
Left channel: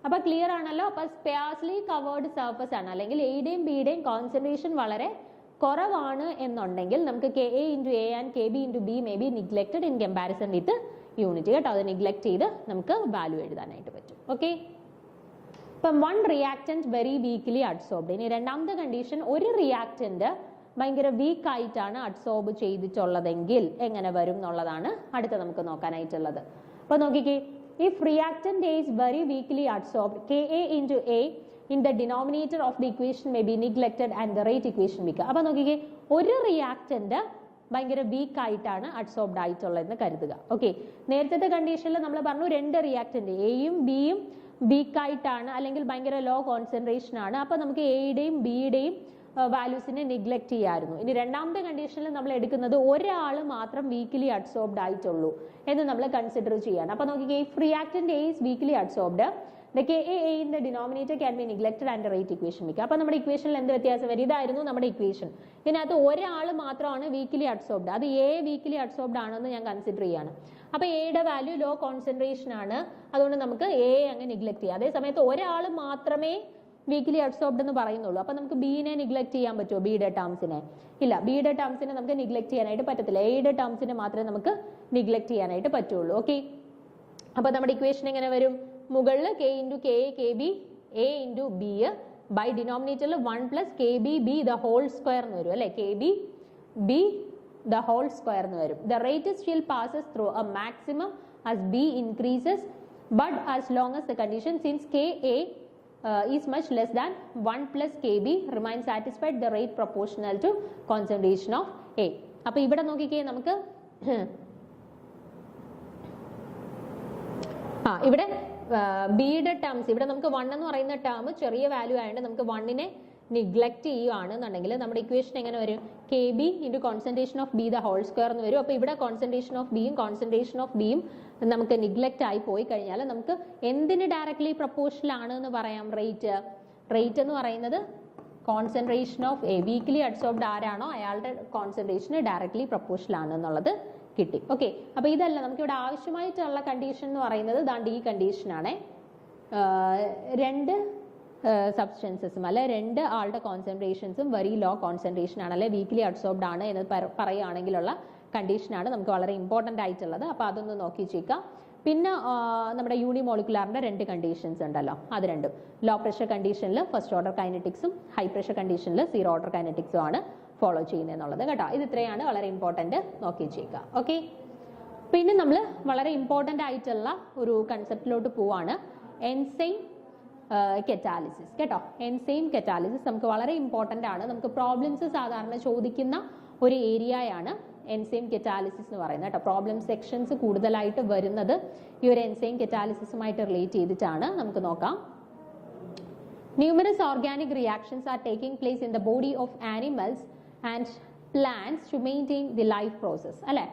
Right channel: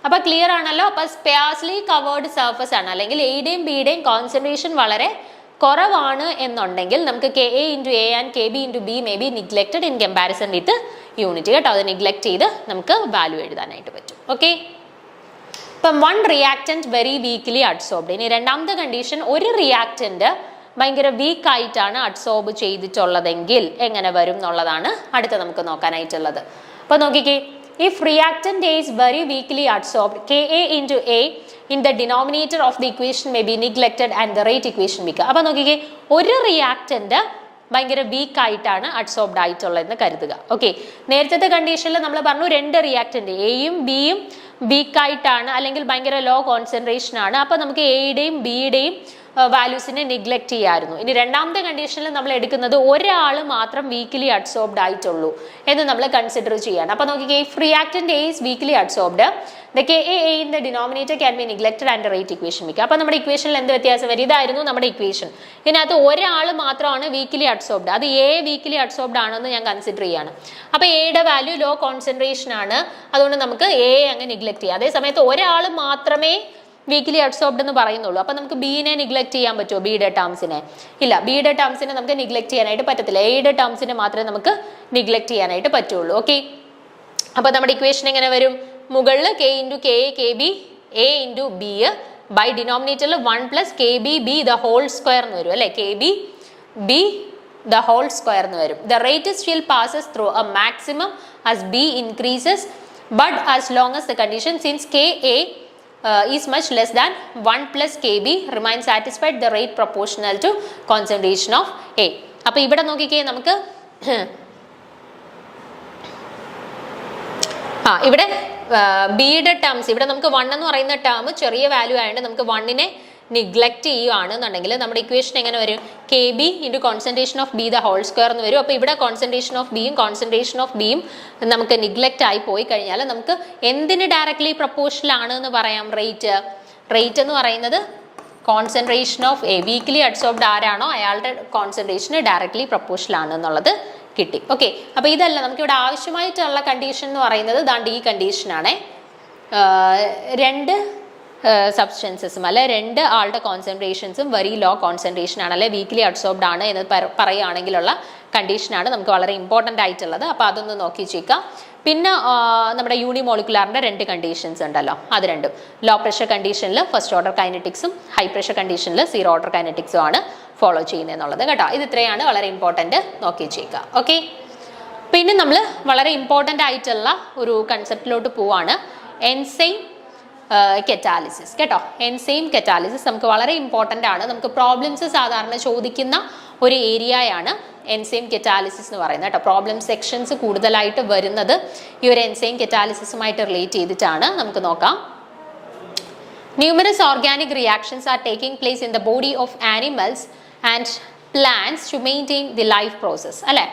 അപ്പോൾ ക്ലിയർ ആണല്ലോ. അപ്പോൾ സ്പേഴ്സ്ലി കവേർഡ് സർഫസ് ആണ്, അല്ലെങ്കിൽ എയുടെയും ബിയുടെയും കോൺസെൻട്രേഷൻ വളരെ കുറവാണ് എന്നുണ്ടെങ്കിൽ നമുക്ക് K A into A and K B into B may be neglected in comparison with unit കേട്ടോ. അത് നിഗ്ലെക്റ്റ് ചെയ്ത് നമുക്ക് വാല്യൂ എഴുതാനായിട്ട് പറ്റും. ഓക്കെ, ഇപ്പം 1 റിയാക്റ്റൻറ്റ് വെരി വീക്ക്ലി അഡ്സോർബ്ഡ്. ഇനി രണ്ടാമത്തെ കണ്ടീഷൻ, ഒരു റിയാക്റ്റൻറ്റ് ഭയങ്കര വീക്ക് ആയിട്ടാണ് അഡ്സോർബ് ചെയ്തിട്ടുള്ളതെങ്കിൽ എങ്ങനെ വരും എന്നുള്ളതാണ് അടുത്ത നമുക്ക് നോക്കാനായിട്ടുള്ളത്. അപ്പോൾ നോക്കിക്കേ, if reactant A is very weakly adsorbed, Ka into A in the denominator of the equation may be neglected and the rate equation become. അപ്പോൾ നോക്കിക്കേ, ഒരു റിയാക്റ്റന്റ് ഭയങ്കര വീക്ക് ആയിട്ടാണ് അഡ്സോർബ്ഡ് ആയിട്ടുള്ളതെന്ന് കരുതുക. ഓക്കെ, നേരത്തെ കണ്ടീഷനിൽ നമ്മൾ പറഞ്ഞു 2 റിയാക്റ്റന്റ് എയും ബിയും വീക്ക് ആയിട്ടാണ് അല്ലെങ്കിൽ ഭയങ്കര ലോ കോൺസെൻട്രേഷൻ ആണ്. അപ്പോൾ നമുക്ക് എയുടെയും ബിയുടെയും വാല്യൂസിനെ നിഗ്ലക്ട് ചെയ്യാമായിരുന്നു. ഇനി രണ്ടാമത്തെ കണ്ടീഷനിൽ നമ്മൾ എടുക്കുന്നത് ഒരാൾ മാത്രം വീക്കിലി അഡ്സോർബ്ഡ് ആയിട്ടുള്ളൂ എന്ന് നമ്മൾ കൺസിഡർ ചെയ്യാണ്. അപ്പോൾ നോക്കിക്കേ, if reactant A is weekly adsorbed the KA in the denominator can be neglected and rate equation വെക്കുക. അപ്പോൾ നമ്മുടെ ഇക്വേഷനിൽ എന്ത് വ്യത്യാസം വരും? ഇതായിരുന്നു നമ്മുടെ ഇക്വേഷൻ. ഇതിനകത്ത് ഒരാൾ മാത്രമാണ് വീക്കിലി അഡ്സോർബ്ഡ്, അത് എ വീക്കിലി അഡ്സോർബ്ഡ് ആണെന്ന് ഞാൻ കൺസിഡർ ചെയ്യാണ്. അപ്പോൾ എയുടെ വാല്യൂ ലോ കോൺസെൻട്രേഷൻ ആണ്, അതുകൊണ്ട് നമുക്ക് എ അങ്ങ് നിഗ്ലക്ട് ചെയ്യാം. അതേ സമയത്ത് ഒരാൾ മാത്രമേ വീക്കിലി അഡ്സോർബ്ഡ് എന്ന് പറയുന്നുള്ളൂ. അപ്പം നമുക്ക് ബീനെ നിഗ്ലക്ട് ചെയ്യാൻ പറ്റുമോ? ബിയുടെ ടേംസിനെ ഇല്ല, ബിയുടെ ടേംസിനെ നമുക്ക് നിഗ്ലക്ട് ചെയ്യാനായിട്ട് പറ്റത്തില്ല. എയുടെ ടേംസിനെ മാത്രമേ നമുക്ക് നിഗ്ലക്ട് ചെയ്യാനായിട്ട് പറ്റുള്ളൂ. ഓക്കെ, അപ്പോൾ നമ്മുടെ ഇക്വേഷൻ എങ്ങനെ വരും? മുകളിൽ k into K K B A into B by ഡിനോമിനേറ്ററിൽ 1 plus K B B the whole square എന്ന് വരും അല്ലേ? K B B the whole square എന്ന് വരും. The rate still passes through a maximum as B increases but as long as the condition since K A is much less than 1 plus kb remains satisfied the rate proportional to concentration of A. അപ്പോൾ ഇവിടെ നോക്കിക്കേ, നമുക്ക് ഇവിടെ ബിയുടെ ടേംസ്, ഇവിടെ നമുക്ക് 1 എന്ന് പറയുന്ന ടേം ചെറിയ വാല്യൂ ആയതുകൊണ്ട് നമുക്ക് 1നെ നിഗ്ലക്ട് ചെയ്യുകയാണെന്നുണ്ടെങ്കിൽ നമ്മുടെ ഇക്വേഷൻ എങ്ങനെ വരും? K B into concentration of B the whole square എന്ന് വരും. അപ്പോൾ ഇവിടെ കോൺസെൻട്രേഷൻ ഓഫ് ബിയും കോൺസെൻട്രേഷൻ ഓഫ് ബിയും നമുക്ക് നിഗ്ലക്റ്റ് ആയി പോയി കഴിഞ്ഞാൽ നമുക്ക് എന്തിന് ഡയറക്ട്ലി പ്രപ്പോർഷണൽ ആണ് എന്ന് പറയാം? റേറ്റ് എന്ന് പറയുന്നത് concentration of A, weekly adsorbed ആരാണോ അയാളുടെ കോൺസെൻട്രേഷന് ഡയറക്ട്ലി പ്രപ്പോർഷണൽ ആണ് എന്നുള്ളത് കിട്ടി. ഓക്കെ, അപ്പോൾ ഇതല്ല നമുക്കിവിടെ ആവശ്യമായിട്ടുള്ള കണ്ടീഷൻ എന്ന് പറയുന്നത് ദാണ്ട് ഈ കണ്ടീഷനാണ്. രണ്ട് സബ്സ്റ്റൻസസും അല്ലെ രണ്ട് ആളുടെ കോൺസെൻട്രേഷൻസും വെരി ലോ കോൺസെൻട്രേഷൻ ആണ് അല്ലെ വീക്കിലി അഡ്സോർബ്ഡ് ആണ് എന്ന് പറയുകയാണെങ്കിലുള്ള കണ്ടീഷനാണ് നമുക്ക് വളരെ ഇമ്പോർട്ടൻ്റ് ആയിട്ടുള്ളത്. അപ്പോൾ അതൊന്ന് നോക്കി ചേക്കാം. പിന്നെ നമ്മുടെ യൂണിമോളിക്കുലാറിൻ്റെ 2 കണ്ടീഷൻസ് ഉണ്ടല്ലോ, അത് രണ്ടും ലോ പ്രഷർ കണ്ടീഷനിൽ ഫസ്റ്റ് ഓർഡർ കൈനറ്റിക്സും ഹൈ പ്രഷർ കണ്ടീഷനിൽ സീറോ ഓർഡർ കൈനറ്റിക്സും ആണ് ഫോളോ ചെയ്യുന്നത് എന്നുള്ളത് കേട്ടോ. ഇത് ഇത്രയാണ് വളരെ ഇമ്പോർട്ടൻറ്റ്, നോക്കി ചേക്കാം. ഓക്കെ, പിന്നെ നമ്മൾ വളരെ ഇമ്പോർട്ടൻ്റ് ആയിട്ടുള്ള ഒരു കൺസെപ്റ്റിലോട്ട് പോവാണ്, എൻസൈം കെറ്റാലിസിസ് കേട്ടോ. എൻസൈം കെറ്റാലിസിസ് നമുക്ക് വളരെ ഇമ്പോർട്ടൻ്റ് ആണ്. നമുക്ക് പ്രോബ്ലംസ് സാധാരണ ചോദിക്കുന്ന ഒരു ഏരിയയാണ് എൻസൈം കെറ്റാലിസിസ് എന്ന് പറയുന്നത് കേട്ടോ. പ്രോബ്ലം സെക്ഷൻസ് കൂടുതലായിട്ട് വരുന്നത് ഈ ഒരു എൻസൈം കെറ്റാലിസിസുമായിട്ട് റിലേറ്റ് ചെയ്തിട്ടാണ്. നമുക്ക് നോക്കാം. Numerous organic reactions are taking place in the body of animals and plants to maintain the life process അല്ലേ.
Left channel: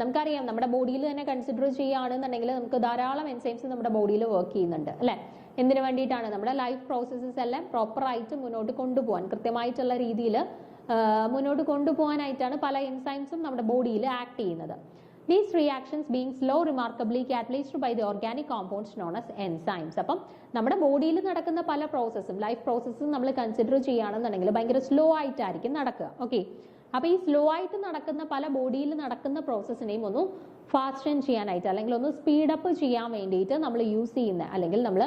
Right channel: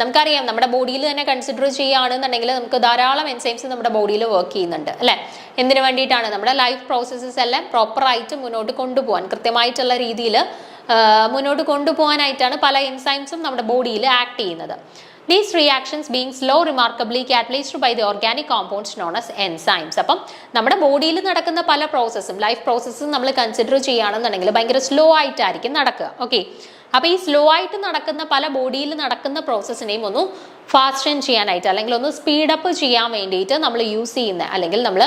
നമുക്കറിയാം നമ്മുടെ ബോഡിയിൽ തന്നെ കൺസിഡർ ചെയ്യുകയാണെന്നുണ്ടെങ്കിൽ നമുക്ക് ധാരാളം എൻസൈംസ് നമ്മുടെ ബോഡിയിൽ വർക്ക് ചെയ്യുന്നുണ്ട് അല്ലേ. എന്തിനു വേണ്ടിയിട്ടാണ്? നമ്മുടെ ലൈഫ് പ്രോസസ്സസ് എല്ലാം പ്രോപ്പറായിട്ട് മുന്നോട്ട് കൊണ്ടുപോകാൻ, കൃത്യമായിട്ടുള്ള രീതിയിൽ മുന്നോട്ട് കൊണ്ടുപോകാനായിട്ടാണ് പല എൻസൈംസും നമ്മുടെ ബോഡിയിൽ ആക്ട് ചെയ്യുന്നത്. These reactions being slow remarkably catalyzed by the organic compounds known as enzymes. അപ്പം നമ്മുടെ ബോഡിയിൽ നടക്കുന്ന പല പ്രോസസ്സും ലൈഫ് പ്രോസസ്സും നമ്മൾ കൺസിഡർ ചെയ്യുകയാണെന്നുണ്ടെങ്കിൽ ഭയങ്കര സ്ലോ ആയിട്ടായിരിക്കും നടക്കുക. ഓക്കെ, അപ്പോൾ ഈ സ്ലോ ആയിട്ട് നടക്കുന്ന പല ബോഡിയിൽ നടക്കുന്ന പ്രോസസ്സിനെയും ഒന്ന് ഫാസ്റ്റൻ ചെയ്യാനായിട്ട് അല്ലെങ്കിൽ ഒന്ന് സ്പീഡപ്പ് ചെയ്യാൻ വേണ്ടിയിട്ട് നമ്മൾ യൂസ് ചെയ്യുന്ന അല്ലെങ്കിൽ നമ്മൾ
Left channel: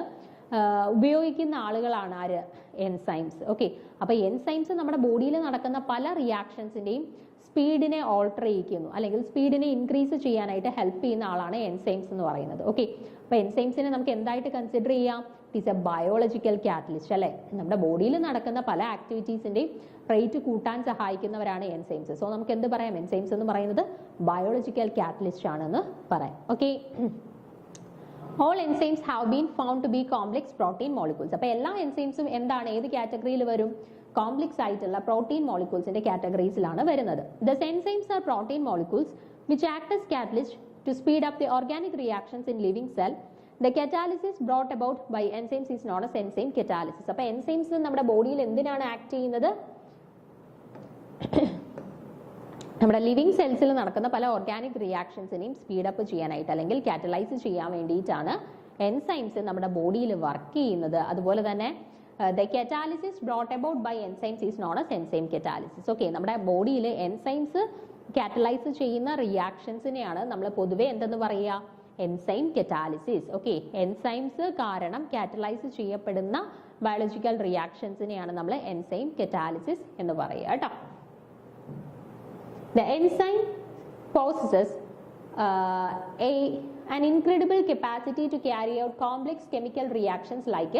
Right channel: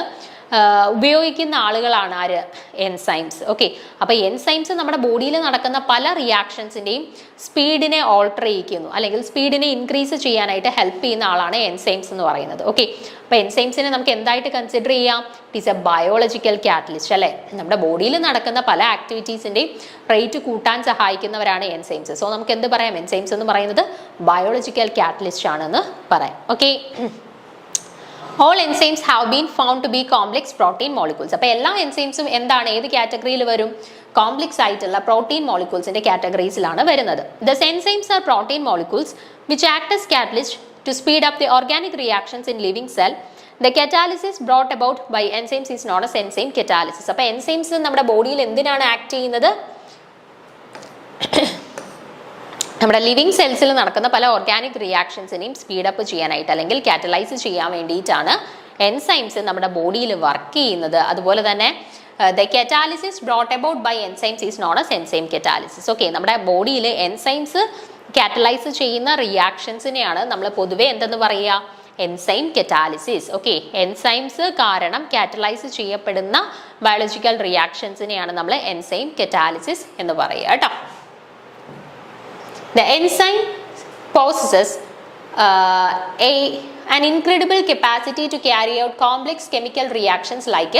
ഉപയോഗിക്കുന്ന ആളുകളാണ് ആര്? എൻസൈംസ്. ഓക്കെ, അപ്പോൾ എൻസൈംസ് നമ്മുടെ ബോഡിയിൽ നടക്കുന്ന പല റിയാക്ഷൻസിൻ്റെയും സ്പീഡിനെ ഓൾട്ടർ ചെയ്യിക്കുന്നു അല്ലെങ്കിൽ സ്പീഡിനെ ഇൻക്രീസ് ചെയ്യാനായിട്ട് ഹെൽപ്പ് ചെയ്യുന്ന ആളാണ് എൻസൈംസ് എന്ന് പറയുന്നത്. ഓക്കെ, അപ്പോൾ എൻസൈംസിനെ നമുക്ക് എന്തായിട്ട് കൺസിഡർ ചെയ്യാം? It is A biological catalyst അല്ലേ. നമ്മുടെ ബോഡിയിൽ നടക്കുന്ന പല ആക്ടിവിറ്റീസിൻ്റെയും റേറ്റ് കൂട്ടാൻ സഹായിക്കുന്നവരാണ് എൻസൈംസ്. സോ നമുക്ക് എന്ത് പറയാം? എൻസൈംസ് എന്ന് പറയുന്നത് ബയോളജിക്കൽ കാറ്റലിസ്റ്റ് ആണെന്ന് പറയാം. Okay, all enzymes have been found to be complex protein molecules. അപ്പോൾ എല്ലാ എൻസൈംസും എന്താണ്? ഏത് കാറ്റഗറിയിൽ വരും? കോംപ്ലക്സ് ആയിട്ടുള്ള പ്രോട്ടീൻ മോളിക്യൂൾസിന്റെ കാറ്റഗറീസിലാണ് വരുന്നത്. Thus enzymes are protein molecules which act as catalyst to speed up the organic reactions in living cell. The catalysis brought about by enzymes is known as enzyme catalysis. അപ്പോൾ എൻസൈംസ് നമ്മുടെ ബോഡിയിൽ എന്തിനാണ് ആക്ട് ചെയ്യുന്നത്? നമ്മുടെ ലിവിങ് സെൽസിൽ നടക്കുന്ന പല ഓർഗാനിക് റിയാക്ഷൻസിനെയും സ്പീഡപ്പ് ചെയ്യാനായിട്ട് അല്ലെങ്കിൽ കാറ്റലൈസ് ചെയ്യാൻ വേണ്ടിയിട്ടാണ് എൻസൈംസ് നമ്മുടെ ബോഡിയിൽ വർക്ക് ചെയ്യുന്നത്. അതുപോലെ തന്നെ the catalysis brought about by enzymes is known as enzyme catalysis. Okay, നമ്മുടെ ബോഡിയിൽ എൻസൈംസ് കാറ്റലൈസ് ചെയ്യുന്ന റിയാക്ഷൻസിനെയാണ് നമ്മൾ പൊതുവെ എന്തെന്ന് പറയുക? Enzyme catalysis. ഓക്കെ, എൻസൈംസ് കാരണം കാറ്റലൈസ് ചെയ്യപ്പെടുന്ന ബയോളജിക്കൽ റിയാക്ഷൻസിനെയാണ് നമ്മൾ എൻസൈം കെറ്റാലിസിസ് എന്ന് പറയുക കേട്ടോ. The enzyme possesses an incredible capacity to carry out complex chemical reactions like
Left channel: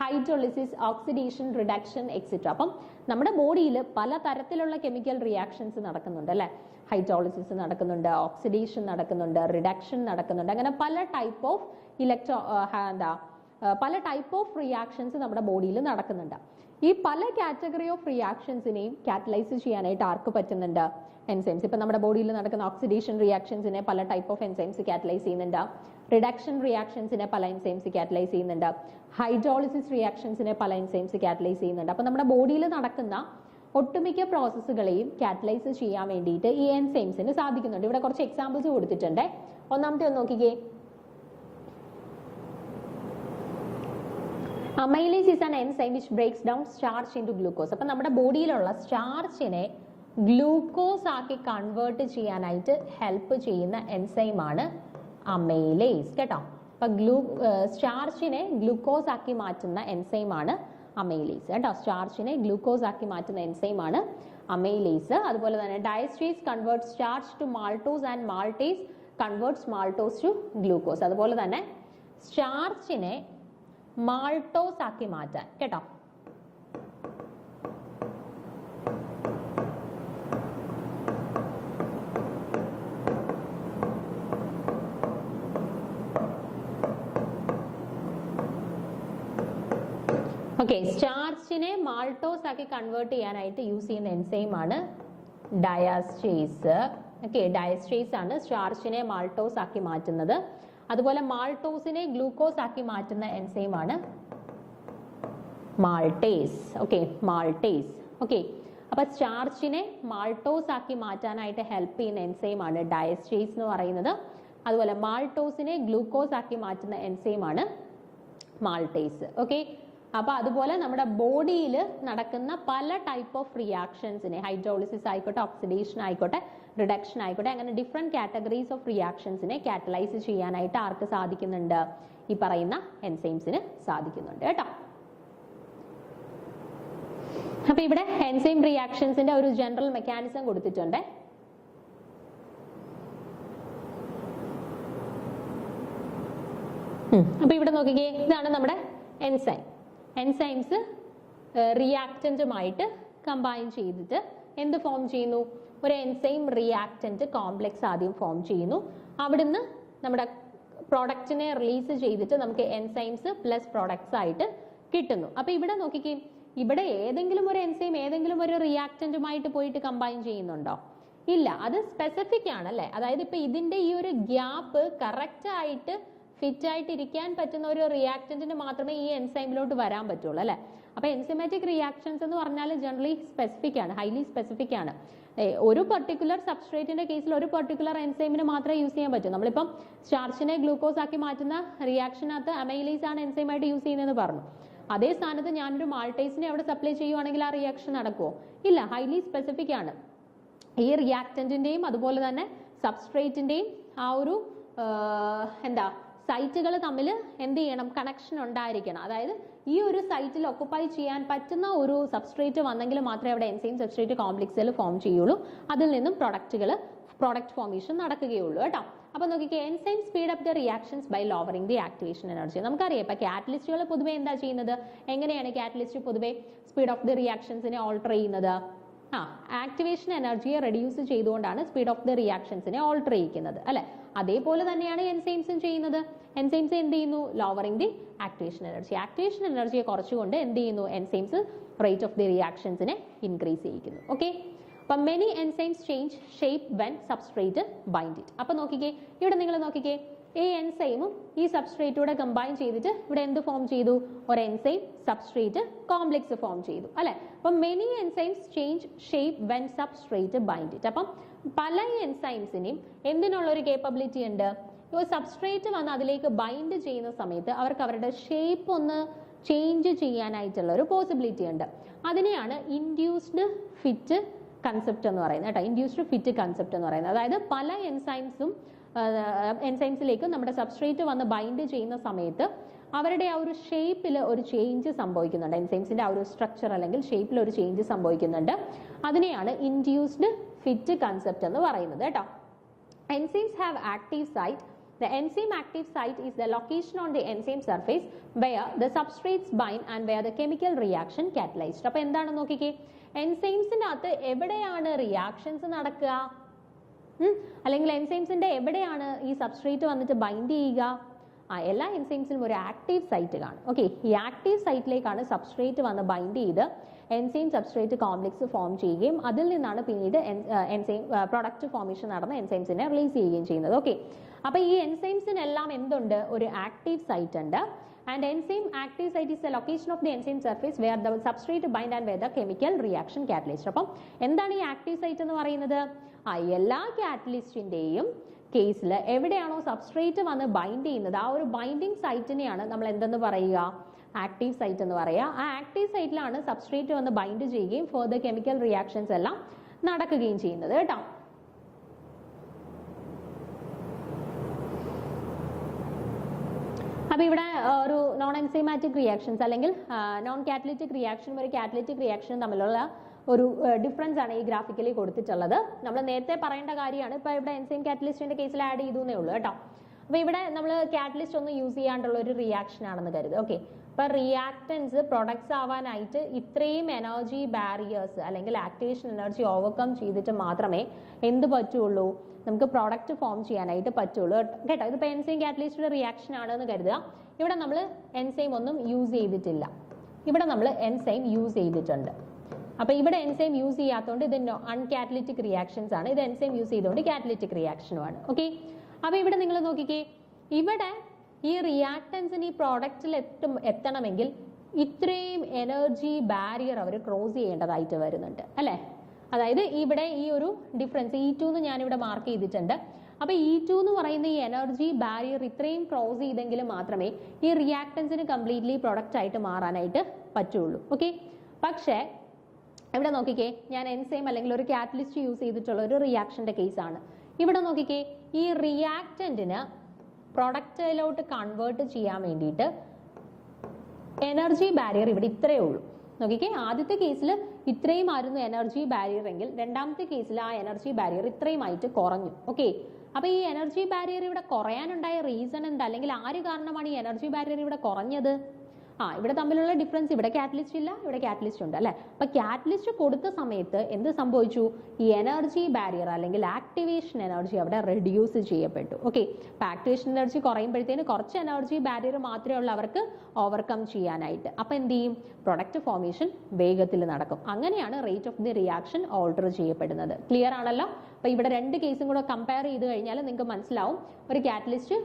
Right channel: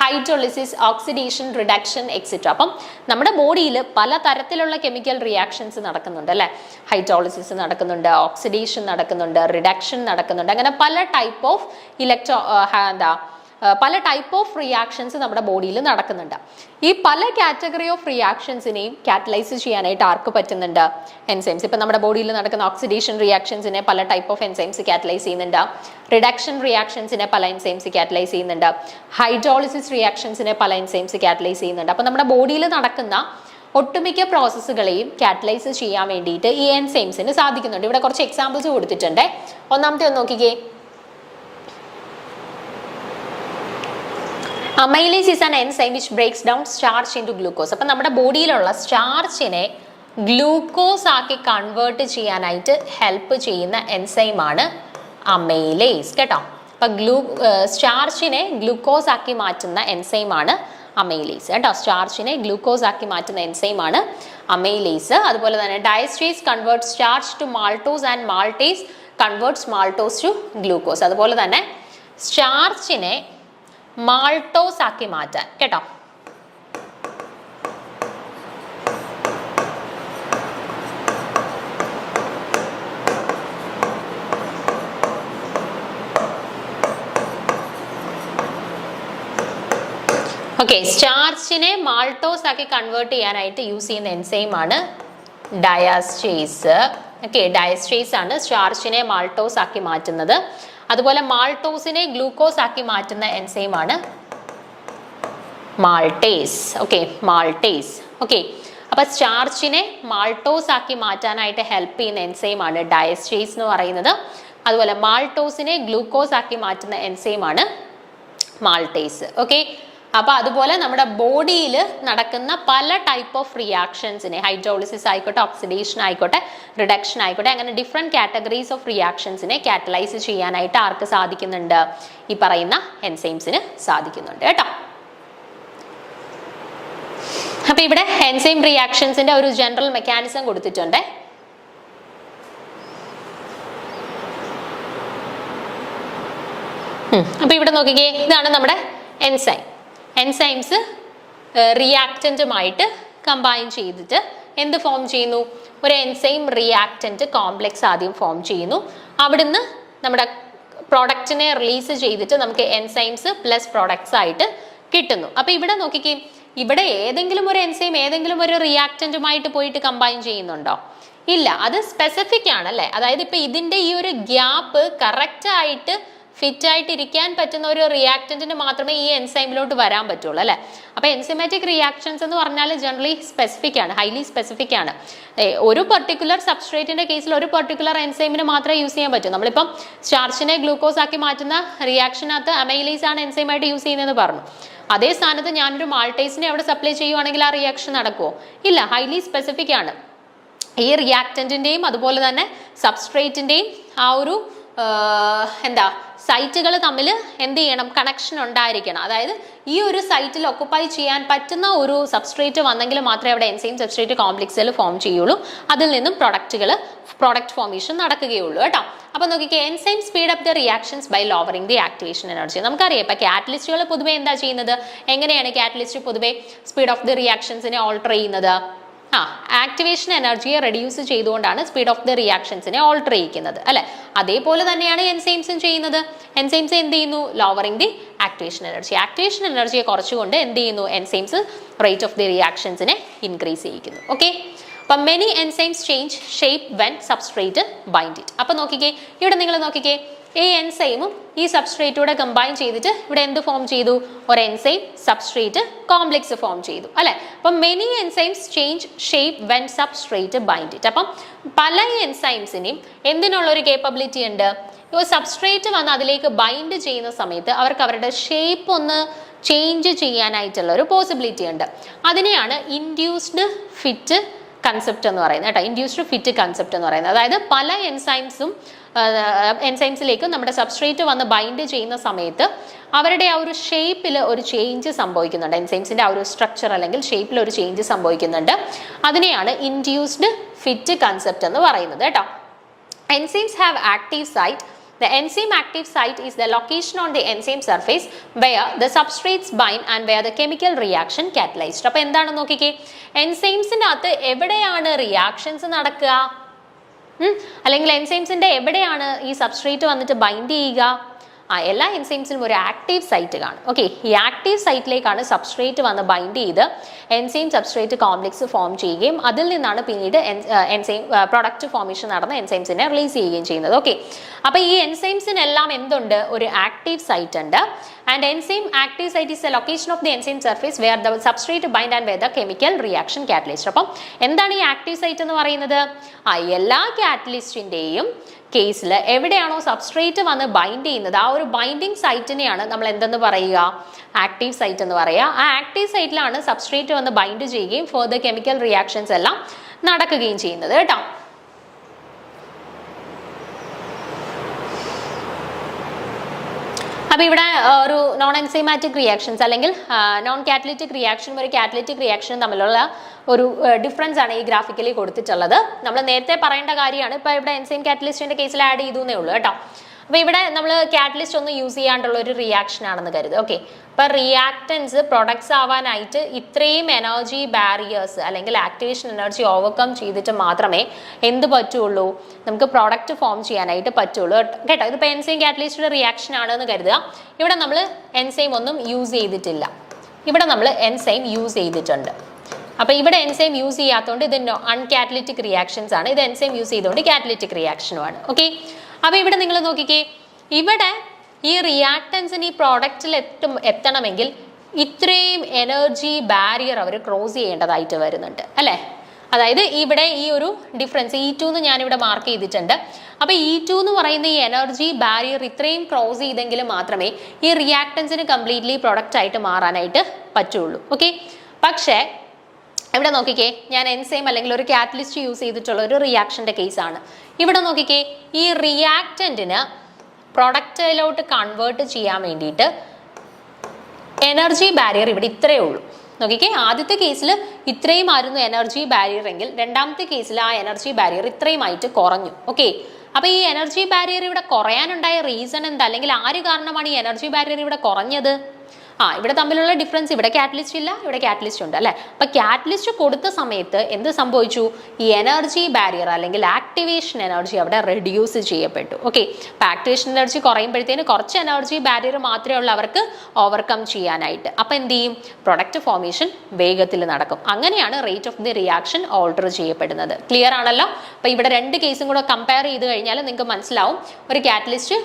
hydrolysis, oxidation, reduction, etc. അപ്പം നമ്മുടെ ബോഡിയിൽ പല തരത്തിലുള്ള കെമിക്കൽ റിയാക്ഷൻസ് നടക്കുന്നുണ്ട് അല്ലേ. ഹൈഡ്രോളിസിസ് നടക്കുന്നുണ്ട്, ഓക്സിഡേഷൻ നടക്കുന്നുണ്ട്, റിഡക്ഷൻ നടക്കുന്നുണ്ട്. അങ്ങനെ പല ടൈപ്പ് ഓഫ് പല ടൈപ്പ് ഓഫ് റിയാക്ഷൻസ് നമ്മുടെ ബോഡിയിൽ നടക്കുന്നുണ്ട്. ഈ പല കാറ്റഗറി ഓഫ് റിയാക്ഷൻസിനെയും കാറ്റലൈസ് ചെയ്യാനായിട്ട് ആർക്ക് പറ്റുന്നുണ്ട്? എൻസൈംസ്. ഇപ്പം നമ്മുടെ ബോഡിയിൽ നടക്കുന്ന ഓക്സിഡേഷൻ റിയാക്ഷൻസിനെ പല ടൈപ്പ് ഓഫ് എൻസൈംസ് കാറ്റലൈസ് ചെയ്യുന്നുണ്ട്. റിഡക്ഷൻ റിയാക്ഷൻസിനെ പല എൻസൈംസ് കാറ്റലൈസ് ചെയ്യുന്നുണ്ട്. ഹൈഡ്രോളിസിസ് റിയാക്ഷൻസിനെ പല എൻസൈംസ് കാറ്റലൈസ് ചെയ്യുന്നുണ്ട്. അപ്പം നമ്മുടെ ബോഡിയിൽ നടക്കുന്ന ഒട്ടുമിക്ക പ്രോസസ്സുകളെയും കാറ്റലൈസ് ചെയ്യാൻ വേണ്ടിയിട്ട് ഈ എൻസൈംസിന് സാധിക്കുന്നുണ്ട്. ഇവിടെ കുറച്ച് എക്സാമ്പിൾസ് കൊടുത്തിട്ടുണ്ട്. ഒന്നാമത്തെ ഒന്ന് നോക്കിക്കേ. Amylase is an enzyme which breaks down starch into glucose. അപ്പം നമ്മുടെ ബോഡിയിലുള്ള സ്റ്റാർച്ചിനെ ഗ്ലൂക്കോസ് ആക്കി കൺവേർട്ട് ചെയ്യാനായിട്ട് ഹെൽപ്പ് ചെയ്യുന്ന എൻസൈമാണ് അമൈലേസ് കേട്ടോ. അപ്പം സ്റ്റാർച്ചിനെ ഗ്ലൂക്കോസ് ആക്കി മാറ്റുന്ന എൻസൈമാണ് അമൈലേസ് കേട്ടോ. സ്റ്റാർച്ചിനെ ഗ്ലൂക്കോസ് ആക്കി മാറ്റുന്ന എൻസൈമാണ് അമൈലേസ്. അതുപോലെ തന്നെ diastase convert starch to maltose and maltase converts maltose to glucose. അതുപോലെ തന്നെ സ്റ്റാർച്ചിനെ മാൾട്ടോസ് ആക്കി മാറ്റാൻ കേട്ടോ. ഓക്കെ, സ്റ്റാർച്ചിനെ മാൾട്ടോസ് ആക്കി കൺവേർട്ട് ചെയ്യാനായിട്ട് യൂസ് ചെയ്യുന്ന എൻസൈമാണ് ഡയസ്റ്റേസ്. ഓക്കെ, ഡയസ്റ്റേസ് ആണ് സ്റ്റാർച്ചിനെ മാൾട്ടോസ് ആക്കി മാറ്റുന്നത്. അതുപോലെ മാൾട്ടോസിനെ ഗ്ലൂക്കോസ് ആക്കി മാറ്റുന്ന എൻസൈമാണ് മാൾട്ടേസ്. Okay, maltase. ഓക്കെ, അപ്പൊ സ്റ്റാർച്ചിനെ മാൾട്ടോസ് ആക്കി മാറ്റാനായിട്ട് ഹെൽപ്പ് ചെയ്യുന്ന എൻസൈമാണ് ഡയസ്റ്റേസ് എന്ന് പറയുന്നത്. അതുപോലെ മാൾട്ടോസിനെ ഗ്ലൂക്കോസ് ആക്കി മാറ്റുന്ന എൻസൈമാണ് മാൾട്ടേസ്. ഓക്കെ, അപ്പൊ അതുപോലെ നമ്മുടെ ബോഡിയിൽ നടക്കുന്ന പല ടൈപ്പ് ഓഫ് റിയാക്ഷൻസിനെ, ഹൈഡ്രോളിസിസ് ആയിക്കോട്ടെ, ഓക്സിഡേഷൻ ആയിക്കോട്ടെ, റിഡക്ഷൻ ആയിക്കോട്ടെ, അങ്ങനെ ഡിഫറെന്റ് കാറ്റഗറീസ് ഓഫ് റിയാക്ഷൻസിനെ കാറ്റലൈസ് ചെയ്യാനായിട്ട് ആർക്ക് സാധിക്കുന്നുണ്ട്? ഈ പറയുന്ന എൻസൈംസിന് സാധിക്കുന്നുണ്ട് കേട്ടോ. അപ്പൊ ഇവിടെ എൻസൈം റിയാക്ഷൻസിന്റെ ഒരു ജനറൽ മെക്കാനിസം കൊടുത്തിട്ടുണ്ട്. അപ്പൊ ഇവിടെ നോക്കിക്കേ, ഇതാണ് നമ്മുടെ എൻസൈം. എൻസൈംസ് റിയാക്റ്റന്റുമായിട്ട് കമ്പൈൻ ചെയ്തിട്ട് എന്ത് ഫോം ചെയ്യുന്നു? ഒരു എൻസൈം റിയാക്റ്റന്റ് കോംപ്ലക്സ് ആദ്യം ഫോം ചെയ്യുന്നു. അവിടുന്ന് നമ്മുടെ പ്രോഡക്റ്റിനെ റിലീസ് ചെയ്തിട്ട് നമുക്ക് എൻസൈംസ് പ്ലസ് പ്രോഡക്ട്സ് ആയിട്ട് കിട്ടുന്നു. അപ്പൊ ഇവിടെ നോക്കിക്കേ, ഇവിടെ ഏതെങ്കിലും ഒരു എൻസൈം ഏതെങ്കിലും ഒരു റിയാക്റ്റന്റുമായിട്ട് പോയിട്ട് കമ്പൈൻ ചെയ്യുന്നുണ്ടോ? ഇല്ല, അത് സ്പെസിഫിക് ആണ് അല്ലേ. അതായത് ഇപ്പൊ ഇതിന്റെ ഈ ഒരു ഗ്യാപ്പ് കറക്റ്റ് ആയിട്ട് ഫിറ്റ് ആയിട്ട് ഇരിക്കാൻ പറ്റുന്ന ഒരു റിയാക്റ്റന്റിന് മാത്രമേ ഈ എൻസൈമിലോട്ട് വരാൻ പറ്റുള്ളൂ അല്ലേ. അപ്പൊ എൻസൈമാറ്റിക് റിയാക്ഷൻസ് എന്ന് പറഞ്ഞാൽ ജനറലി സ്പെസിഫിക് ആണ്, ഹൈലി സ്പെസിഫിക് ആണ്. ഒരു പെർട്ടിക്കുലർ സബ്സ്ട്രേറ്റിന്റെ കേസിൽ ഒരു പെർട്ടിക്കുലർ എൻസൈമിന് മാത്രമേ യൂസ് ചെയ്യാൻ പറ്റൂ. നമ്മളിപ്പം സ്റ്റാർച്ചിനെ ഗ്ലൂക്കോസ് ആക്കി മാറ്റുന്ന റിയാക്ഷനകത്ത് അമൈലേസ് ആണ് എൻസൈമായിട്ട് യൂസ് ചെയ്യുന്നതെന്ന് പറഞ്ഞു. അതേ സ്ഥാനത്ത് ഞാനൊരു മാൾട്ടേസിനെ അവിടെ സപ്ലൈ ചെയ്യുവാണെങ്കിൽ ആ റിയാക്ഷൻ നടക്കുമോ? ഇല്ല, ഹൈലി സ്പെസിഫിക് ആണ്. ഈ റിയാക്റ്റന്റിന്റെയും അതുപോലെ തന്നെ സബ്സ്ട്രേറ്റിന്റെയും ആ ഒരു സൈറ്റുകൾ തമ്മിൽ എന്ത് ചെയ്യണം? കണക്ഷൻ ഉണ്ടായിരിക്കണം. അതായത് ഈ ഒരു സൈറ്റിൽ ഒക്കുപ്പൈ ചെയ്യാൻ പറ്റുന്ന ഒരു സബ്സ്ട്രേറ്റ് വന്നെങ്കിൽ മാത്രമേ അവിടെ എൻസൈം സബ്സ്ട്രേറ്റ് കോംപ്ലക്സിൽ ഫോം ചെയ്യുള്ളൂ. അതിൽ നിന്നും പ്രോഡക്റ്റ് ഫോർമേഷൻ നടക്കുകയുള്ളൂ കേട്ടോ. അപ്പൊ നോക്കിക്കേ, enzyme speed up the reactions by lowering the activation energy. നമുക്കറിയാം ഇപ്പൊ കാറ്റലിസ്റ്റുകൾ പൊതുവെ എന്താ ചെയ്യുന്നത്? എങ്ങനെയാണ് കാറ്റലിസ്റ്റ് പൊതുവെ സ്പീഡ് ഓഫ് ദി റിയാക്ഷൻസിനെ ഓൾട്ടർ ചെയ്യുന്നത്? ആക്ടിവേഷൻ എനർജിയെ റെഡ്യൂസ് ചെയ്തുകൊണ്ടാണ് സ്പീഡ് ഓഫ് ദി റിയാക്ഷൻസിനെ ഓൾട്ടർ ചെയ്യിക്കുന്നത് അല്ലെ. അതേപോലെ തന്നെയാണ് എൻസൈംസും ചെയ്യുന്നത്. എൻസൈംസ് എന്ത് ചെയ്യുന്നു? Lowering the activation energy. Activation എനർജിയെ കുറച്ചുകൊണ്ട് എന്ത് ചെയ്യുന്നു? എൻസൈംസ് റേറ്റ് ഓഫ് ദി റിയാക്ഷൻസിനെ ഇൻക്രീസ് ചെയ്യിക്കുന്നു. ഓക്കെ, അപ്പം many enzymes change shape when substrate bind it. അപ്പൊ നോക്കിക്കേ, ഇവിടെ നിങ്ങൾ നോക്കിക്കേ, ഈ എൻസൈമും ഈ സബ്സ്ട്രേറ്റൂടെ കമ്പൈൻ ചെയ്തിട്ട് ഇവിടെ എന്ത് ഫോം ചെയ്തു? ഒരു എൻസൈം സബ്സ്ട്രേറ്റ് കോംപ്ലക്സ് ഫോം ചെയ്തു അല്ലെ. അപ്പം many enzymes change shape when substrate bind it. അപ്പം പല എൻസൈംസിനെയും എന്തിനുള്ളൊരു കേപ്പബിലിറ്റി ഉണ്ട്? ഈ സബ്സ്ട്രേറ്റ് വന്ന് അതിലേക്ക് ബൈൻഡ് ചെയ്യുന്ന സമയത്ത് അവർക്ക് അവരുടെ ഷേപ്പ് ഒന്ന് ചേഞ്ച് ചെയ്യാനായിട്ടുള്ള ഒരു പോസിബിലിറ്റി ഉണ്ട്. അതിനെയാണ് ഇൻഡ്യൂസ്ഡ് ഫിറ്റ് കൺസെപ്റ്റ് എന്ന് പറയുന്നത് കേട്ടോ. ഇൻഡ്യൂസ്ഡ് ഫിറ്റ് കൺസെപ്റ്റ് എന്ന് പറയുന്നത്, അതായത് പല എൻസൈംസിലേക്കും നമ്മുടെ സബ്സ്ട്രേറ്റ് വന്ന് ബൈൻഡ് ചെയ്യുന്ന സമയത്ത് അവരുടെ ആ ഒരു ഷേപ്പിൽ ഒരു ചേഞ്ച് സംഭവിക്കുന്നുണ്ട്. എൻസൈംസിന്റെ ആ ഒരു സ്ട്രക്ചർ അല്ലെങ്കിൽ ഷേപ്പിൽ ഒരു ചേഞ്ച് സംഭവിക്കുന്നുണ്ട്. അതിനെയാണ് ഇൻഡ്യൂസ്ഡ് ഫിറ്റ് കൺസെപ്റ്റ് എന്ന് പറയുന്നത് കേട്ടോ. Enzymes have active site. The enzyme active site is the location on the enzyme surface where the substrates bind and where the chemical reaction catalyzed. അപ്പോൾ എന്താണ് നോക്കിക്കേ, എൻസൈംസിന്റെ അകത്ത് എവിടെയാണ് റിയാക്ഷൻസ് നടക്കുക? അല്ലെങ്കിൽ എൻസൈംസിന്റെ എവിടെയാണ് ഈ സബ്സ്ട്രേറ്റ് വന്നിട്ട് ബൈൻഡ് ചെയ്യുക? എല്ലാ എൻസൈംസിനും ഒരു ആക്റ്റീവ് സൈറ്റ് കാണും. ഓക്കെ, ഈ ആക്റ്റീവ് സൈറ്റിലേക്കാണ് സബ്സ്ട്രേറ്റ് വന്ന് ബൈൻഡ് ചെയ്ത് എൻസൈം സബ്സ്ട്രേറ്റ് കോംപ്ലക്സ് ഫോം ചെയ്യുകയും അതിൽ നിന്നാണ് പിന്നീട് എൻസൈം പ്രൊഡക്റ്റ് ഫോർമേഷൻ നടന്ന എൻസൈംസിനെ റിലീസ് ചെയ്യുകയും ചെയ്യുന്നത്. ഓക്കെ, അപ്പോൾ ഈ എൻസൈംസിനെല്ലാം എന്തുണ്ട്? ഒരു ആക്റ്റീവ് സൈറ്റ് ഉണ്ട്. And enzyme active site is the location of the enzyme surface where the substrate bind and where the chemical reaction catalyst. അപ്പം എന്താണ് ഈ ആക്റ്റീവ് സൈറ്റ് എന്ന് പറയുന്നത്? എല്ലാ കാറ്റലിസ്റ്റിൻ്റെയും കേസിൽ എവിടെയാണോ സബ്സ്ട്രേറ്റ് വന്ന് ബൈൻഡ് ചെയ്യുന്നത് ആ ഒരു ബൈൻഡിങ് സൈറ്റിനെയാണ് നമ്മൾ എന്തെന്ന് പറയുക? ആക്റ്റീവ് സൈറ്റ് എന്ന് പറയുക. ആ ആക്റ്റീവ് സൈറ്റിലാണ് സബ്സ്ട്രേറ്റ് വന്ന് ബൈൻഡ് ചെയ്യുകയും ഫർദർ കെമിക്കൽ റിയാക്ഷൻസ് എല്ലാം നടക്കുകയും ചെയ്യുന്നത് കേട്ടോ. അപ്പോൾ ഇവിടെ ഒരു നോൺ എൻസൈമാറ്റിക് റിയാക്ഷൻസ് അല്ലെങ്കിൽ നോൺ കാറ്റലിറ്റിക് റിയാക്ഷനും ഒരു കാറ്റലിറ്റിക് റിയാക്ഷനും തമ്മിലുള്ള ഒരു ഡിഫറൻസ് ആണ് ഈ ഗ്രാഫിക്കലി കൊടുത്തിട്ടുള്ളത്. നമ്മൾ നേരത്തെ പറയേണ്ട കാര്യമാണ്. ഇപ്പോൾ ഇവിടെ എൻസൈം കാറ്റലിസ്റ്റിന്റെ കേസിൽ ആഡ് ചെയ്തു എന്നേ ഉള്ളൂ കേട്ടോ. അപ്പോൾ ഇവിടെ നമ്മൾ കാറ്റലിസ്റ്റ് ഒന്നും യൂസ് ചെയ്യാണ്ടുള്ള ഒരു റിയാക്ഷൻ ആണെന്ന് കരുതുക. ഓക്കെ, അപ്പോൾ റിയാക്റ്റൻസ് പ്രൊഡക്ട്സ് ആവാനായിട്ട് ഇത്രയും എനർജി ബാരിയേഴ്സ് അല്ലെങ്കിൽ ആക്ടിവേഷൻ എനർജി ഓവർകം ചെയ്തിട്ട് മാത്രമേ എന്ത് പറ്റുള്ളൂ? നമുക്ക് പ്രോഡക്റ്റ് ഫോം ചെയ്യാനായിട്ട് പറ്റുള്ളൂ കേട്ടോ. ഇതിപ്പോൾ എൻസൈം കാറ്റലിസ്റ്റിന്റെ റിയാക്ഷൻ ആണെന്ന് കരുതുക. ഇവിടെ നമ്മൾ എൻസൈം ഒന്നും യൂസ് ചെയ്തിട്ടില്ല, ഇവിടെ നമ്മൾ എൻസൈം യൂസ് ചെയ്തിട്ടുണ്ട്. അപ്പോൾ ഇവിടെ എൻസൈം യൂസ് ചെയ്യാത്തതുകൊണ്ട് ഇത് അൺകാറ്റലിറ്റിക് റിയാക്ഷൻസ് ആണ്, ഇത് എൻസൈം യൂസ് ചെയ്തുകൊണ്ട് കാറ്റലിറ്റിക് റിയാക്ഷനുമാണ്. ഓക്കെ, അപ്പോൾ ഇവിടെ നിങ്ങൾ നോക്കിക്കേ, ഇവിടെ ഈ റിയാക്റ്റൻസിന് ഈ പ്രോഡക്റ്റിൽ എത്തണമെങ്കിൽ ഇത്രയും എനർജി ബാരിയർ അവർ ക്രോസ് ചെയ്യേണ്ടതായിട്ട് വരുന്നുണ്ട് അല്ലേ? അതായത് ഇവിടെ ഈ ഒരു ഡിഫറൻസ് E2 എന്ന് ഞാനിവിടെ മാർക്ക് ചെയ്തിട്ടുണ്ട്. അപ്പോൾ E2 എന്ന് പറയുന്ന ഈ എനർജി ബാരിയർ ഇത്രയും ക്രോസ് ചെയ്തെങ്കിൽ മാത്രമേ ഈ റിയാക്റ്റൻസിന് കംപ്ലീറ്റ്ലി പ്രൊഡക്റ്റ് ആയിട്ട് മാറാനായിട്ട് പറ്റുള്ളൂ. ഓക്കെ, പക്ഷേ ഇവിടെ നോക്കിക്കേ, ഞാൻ എൻസൈം അല്ലെങ്കിൽ ഒരു കാറ്റലിസ്റ്റ് യൂസ് ചെയ്തിട്ടുള്ള ഒരു റിയാക്ഷൻ്റെ കേസാണ്. ഇവിടെ നോക്കിക്കേ, ഈ റിയാക്റ്റൻറ്റിന് പ്രൊഡക്റ്റിലോട്ട് കൺവേർട്ട് ചെയ്യാൻ വേണ്ടിയിട്ട് എനർജി ബാരിയർ ഇവിടെ ഇത്രയേ ഉള്ളൂ. നോക്കിക്കേ, ആദ്യത്തെ കേസിൽ ഇത്രയും ആയിരുന്നു എനർജി ബാരിയർ എങ്കിൽ രണ്ടാമത്തെ കേസിൽ ആ എനർജി ബാരിയർ ഇത്രയുമായിട്ട് കുറഞ്ഞു. ഓക്കെ, അപ്പോൾ ഈ എനർജി ബാരിയർ ഇവിടെ കുറയാനുണ്ടായ റീസൺ എന്താ? അല്ലെങ്കിൽ ആര് കാരണമാണ് ഈ എനർജി ബാരിയർ ഇവിടെ കുറഞ്ഞത്? ഇവിടെ തമ്മിലുള്ള ഡിഫറൻസ്, ഇവിടെ കാറ്റലിസ്റ്റ് ഇല്ല, ഇവിടെ കാറ്റലിസ്റ്റ് ഉണ്ട് അല്ലേ? അപ്പോൾ കാറ്റലിസ്റ്റ് കൊടുത്ത സമയത്ത് എന്ത് സംഭവിച്ചു? ഈ എനർജി ബാരിയർ അല്ലെങ്കിൽ ആക്ടിവേഷൻ എനർജി അവിടെ റെഡ്യൂസ് ചെയ്യപ്പെട്ടു. ഓക്കെ, അപ്പോൾ ആക്ടിവേഷൻ എനർജി കുറയുമ്പോഴത്തേന് കുറച്ച് എനർജി ബാരിയർ മാത്രമേ ഉള്ളൂ അവർക്ക് ഓവർകം ചെയ്യാനായിട്ട്. അപ്പോൾ എന്ത് ചെയ്യും? പ്രൊഡക്റ്റ് ഫോർമേഷൻ വേഗത്തിൽ നടക്കും. അങ്ങനെയാണ് rate of the reaction alter ചെയ്യപ്പെടുന്നത്. ക്ലിയർ ആണല്ലോ? അപ്പോൾ ഇവിടെ രണ്ട് കേസും കൂടെ കമ്പയർ ചെയ്ത് കഴിഞ്ഞാൽ നിങ്ങൾക്ക് മനസ്സിലാവും ഒരു കാറ്റലിസ്റ്റ്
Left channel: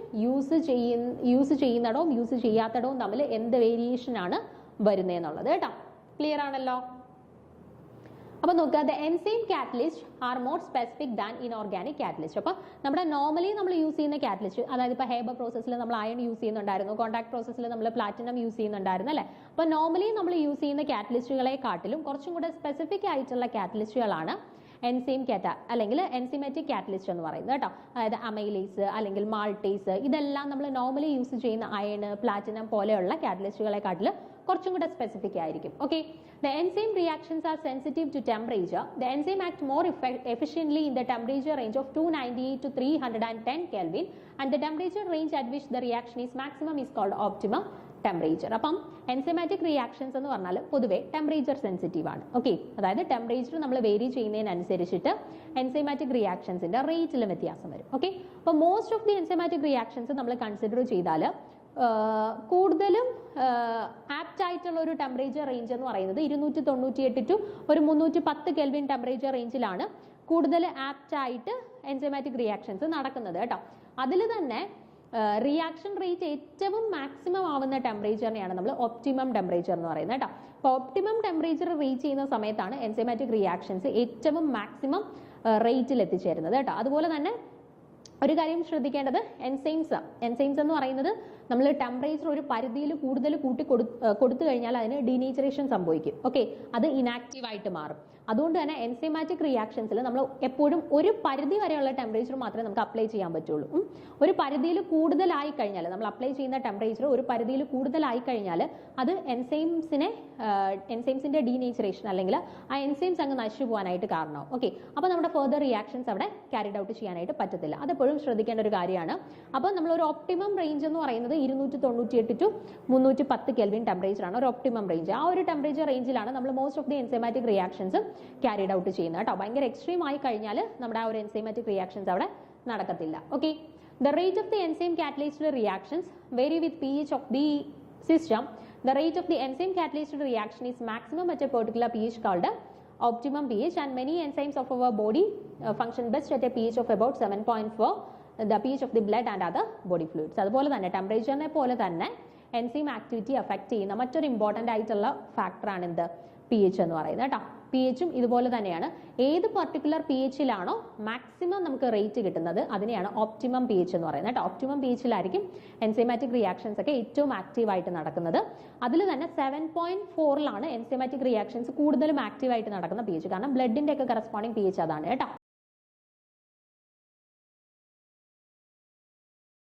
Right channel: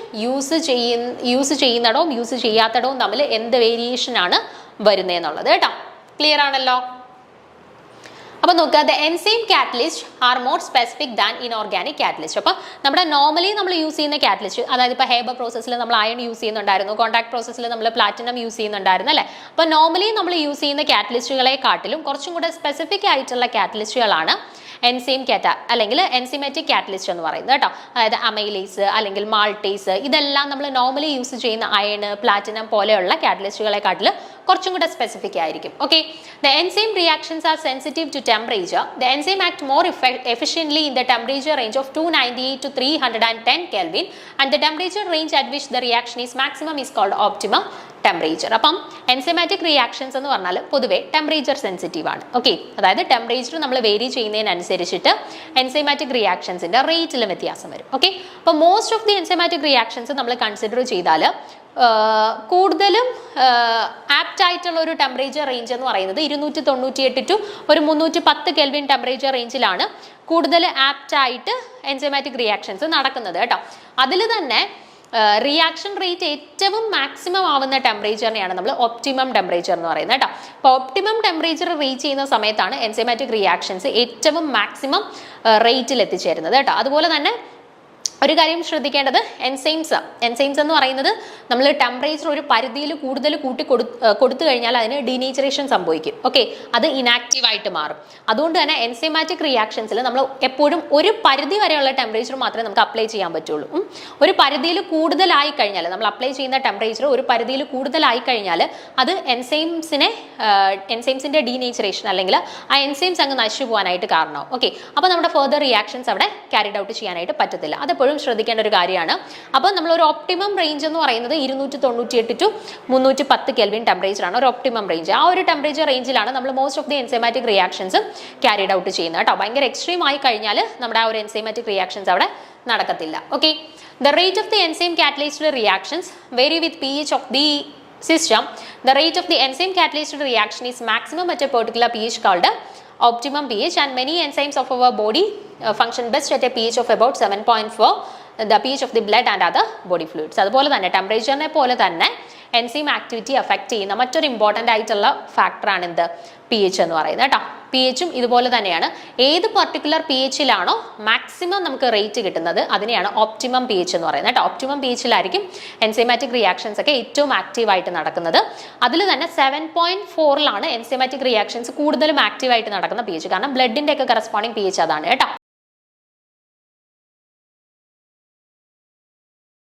യൂസ് ചെയ്യുന്നിടവും യൂസ് ചെയ്യാത്തിടവും തമ്മിൽ എന്ത് വേരിയേഷനാണ് വരുന്നതെന്നുള്ളത് കേട്ടോ. ക്ലിയർ ആണല്ലോ? അപ്പോൾ നോക്കുക, the enzyme catalyst are more specific than inorganic catalyst. അപ്പോൾ നമ്മുടെ നോർമലി നമ്മൾ യൂസ് ചെയ്യുന്ന കാറ്റലിസ്റ്റ്, അതായത് ഇപ്പോൾ ഹേബർ പ്രോസസ്സിൽ നമ്മൾ അയൺ യൂസ് ചെയ്യുന്നുണ്ടായിരുന്നു, കോൺടാക്ട് പ്രോസസ്സിൽ നമ്മൾ പ്ലാറ്റിനം യൂസ് ചെയ്യുന്നുണ്ടായിരുന്നു അല്ലേ? അപ്പോൾ നോർമലി നമ്മൾ യൂസ് ചെയ്യുന്ന കാറ്റലിസ്റ്റുകളെ കാട്ടിലും കുറച്ചും കൂടെ സ്പെസിഫിക് ആയിട്ടുള്ള കാറ്റലിസ്റ്റുകളാണ് എൻസൈം അല്ലെങ്കിൽ എൻസിമാറ്റിക് കാറ്റലിസ്റ്റ് എന്ന് പറയുന്നത് കേട്ടോ. അതായത് അമൈലേസ് അല്ലെങ്കിൽ മാൾട്ടേസ്, ഇതെല്ലാം നമ്മൾ നോർമലി യൂസ് ചെയ്യുന്ന അയൺ, പ്ലാറ്റിനം പോലെയുള്ള കാറ്റലിസ്റ്റുകളെക്കാട്ടിൽ കുറച്ചും കൂടെ സ്പെസിഫിക് ആയിരിക്കും. Okay, the enzyme reactions are sensitive to temperature. The enzyme act more efficiently in the temperature range of 298 to 310 Kelvin and the temperature range at which the reaction is maximum is called optimum temperature. അപ്പം എൻസൈമാറ്റിക് റിയാക്ഷൻസ് എന്ന് പറഞ്ഞാൽ പൊതുവെ ടെമ്പറേച്ചർ സെൻസിറ്റീവ് ആണ്. ഓക്കെ, അതായത് ടെമ്പറേച്ചർ നമ്മൾ വേരി ചെയ്യുന്നതിനനുസരിച്ചിട്ട് എൻസൈമാറ്റിക് റിയാക്ഷൻസിന്റെ റേറ്റിലും വ്യത്യാസം വരും. ഓക്കെ, അപ്പോൾ most of the enzymatic reactions നമ്മൾ കൺസിഡർ ചെയ്താൽ കൂടുതലും ആപ്റ്റ് ആയിട്ടുള്ള ഒരു ടെമ്പറേച്ചർ റേഞ്ച് എന്ന് പറയുന്നത് 298 ടു ഒരു 310 കെൽവിൻ ടെമ്പറേച്ചർ റേഞ്ചിലാണ് കൂടുതൽ ആപ്റ്റ് ആയിട്ട് എൻസൈമാറ്റിക് റിയാക്ഷൻസ് നടക്കുന്നത് കേട്ടോ. അതിൽ തന്നെ റിയാക്ഷൻ റേറ്റ് ഏറ്റവും മാക്സിമം ആവുന്ന ടെമ്പറേച്ചറിനെയാണ് നമ്മൾ ഒപ്റ്റിമം ടെമ്പറേച്ചർ എന്ന് പറയുന്നത് കേട്ടോ. അപ്പോൾ ഒപ്റ്റിമം ടെമ്പറേച്ചർ റീച്ച് ചെയ്യുന്ന സമയത്താണ് എൻസൈമാറ്റിക് റിയാക്ഷൻസ് ഏറ്റവും മാക്സിമം റേറ്റിൽ എത്തിച്ചേരുന്നത് കേട്ടോ. അതുപോലെ തന്നെ ഒരു കാര്യം ശ്രദ്ധിക്കേണ്ടത്, എൻസൈംസ് എന്ന് പറയുന്നത് നമ്മൾ ടെമ്പറേച്ചർ ഒരു പരിധിയിൽ കൂടുതൽ കൊടുത്തു കഴിഞ്ഞാൽ അതിന് ഡീനേച്ചറേഷൻ സംഭവിക്കും. ഓക്കെ, അത് ഇനാക്റ്റീവ് ആയിട്ട് മാറും. അതുകൊണ്ട് തന്നെ എൻസൈമാറ്റിക് റിയാക്ഷൻസിൽ നമ്മൾ എപ്പോഴും ഒരു പരിധി വരെയുള്ള ടെമ്പറേച്ചർ മാത്രമേ നമുക്ക് അപ്ലൈ ചെയ്യാൻ പറ്റുള്ളൂ. ഒരു പരിധിയിൽ കൂടുതലായി കഴിഞ്ഞാൽ, നമ്മൾ അപ്ലൈ ചെയ്യുന്ന ടെമ്പറേച്ചർ ഒരു പരിധിയിൽ കൂടുതലായി കഴിഞ്ഞാൽ അത് എൻസൈംസിന്റെ ഡീനേച്ചറേഷൻ അല്ലെങ്കിൽ ആ എൻസൈംസ് അങ്ങ് നശിച്ചു പോകാനായിട്ട് കാരണമാവും. ഓക്കെ, അപ്പോൾ നമ്മുടെ ഫർദർ റിയാക്ഷൻസ് അവിടെ ക്യാരിഡ് ഔട്ട് ചെയ്യാനായിട്ട് പറ്റത്തില്ല. അതെപ്പോഴും ശ്രദ്ധിക്കേണ്ട ഒരു കാര്യമാണ്. അപ്പോൾ നമ്മൾ ഒരു ഒപ്റ്റിമം റേഞ്ച് എന്ന് പറയുന്നത് 298 ടു 310 കെൽവിൻ ടെമ്പറേച്ചർ ആണ് ഒരു ഒപ്റ്റിമം റേഞ്ച്. ആ ഒരു ടെമ്പറേച്ചർ റേഞ്ചിലാണ് നമ്മൾ most of the enzymatic reactions carried out ചെയ്യുന്നത് കേട്ടോ. ഭയങ്കര എക്സ്ട്രീം ആയി കഴിഞ്ഞാൽ നമ്മുടെ ആ ഒരു എൻസൈമാറ്റിക് റിയാക്ഷൻസ് അവിടെ നടക്കത്തില്ല. Okay, The rate of the enzyme catalyzed reactions vary with pH of the system. The rate of the enzyme catalyzed reaction is maximum at a particular pH called optimum pH, and many enzymes of our body function best at a pH of about 7.4, the pH of the blood and other body fluids. അതുപോലെ തന്നെ ടെമ്പറേച്ചറിനെ പോലെ തന്നെ എൻസൈം ആക്ടിവിറ്റി അഫക്റ്റ് ചെയ്യുന്ന മറ്റൊരു ഇമ്പോർട്ടൻ്റ് ആയിട്ടുള്ള ഫാക്ടറാണ് എന്ത്, പി എച്ച് എന്ന് പറയുന്നത് കേട്ടോ. പി എച്ചും ഇതുപോലെ തന്നെയാണ്. ഏത് പർട്ടിക്കുലർ പി എച്ചിലാണോ മാക്സിമം നമുക്ക് റേറ്റ് കിട്ടുന്നത് അതിനെയാണ് ഓപ്റ്റിമം പി എച്ച് എന്ന് പറയുന്നത് കേട്ടോ. ഓപ്റ്റിമം പി എച്ചിലായിരിക്കും എൻസൈമാറ്റിക് റിയാക്ഷൻസ് ഒക്കെ ഏറ്റവും ആക്റ്റീവായിട്ട് നടക്കുന്നത്. അതിൽ തന്നെ 7.4 എൻസൈമാറ്റിക് റിയാക്ഷൻസ് കൂടുതലും ആക്റ്റീവായിട്ട് നടക്കുന്ന പി എച്ച്. കാരണം ബ്ലഡിൻ്റെ ഒക്കെ കറസ്പോണ്ടിങ് പി എച്ച് അതാണ് കേട്ടോ.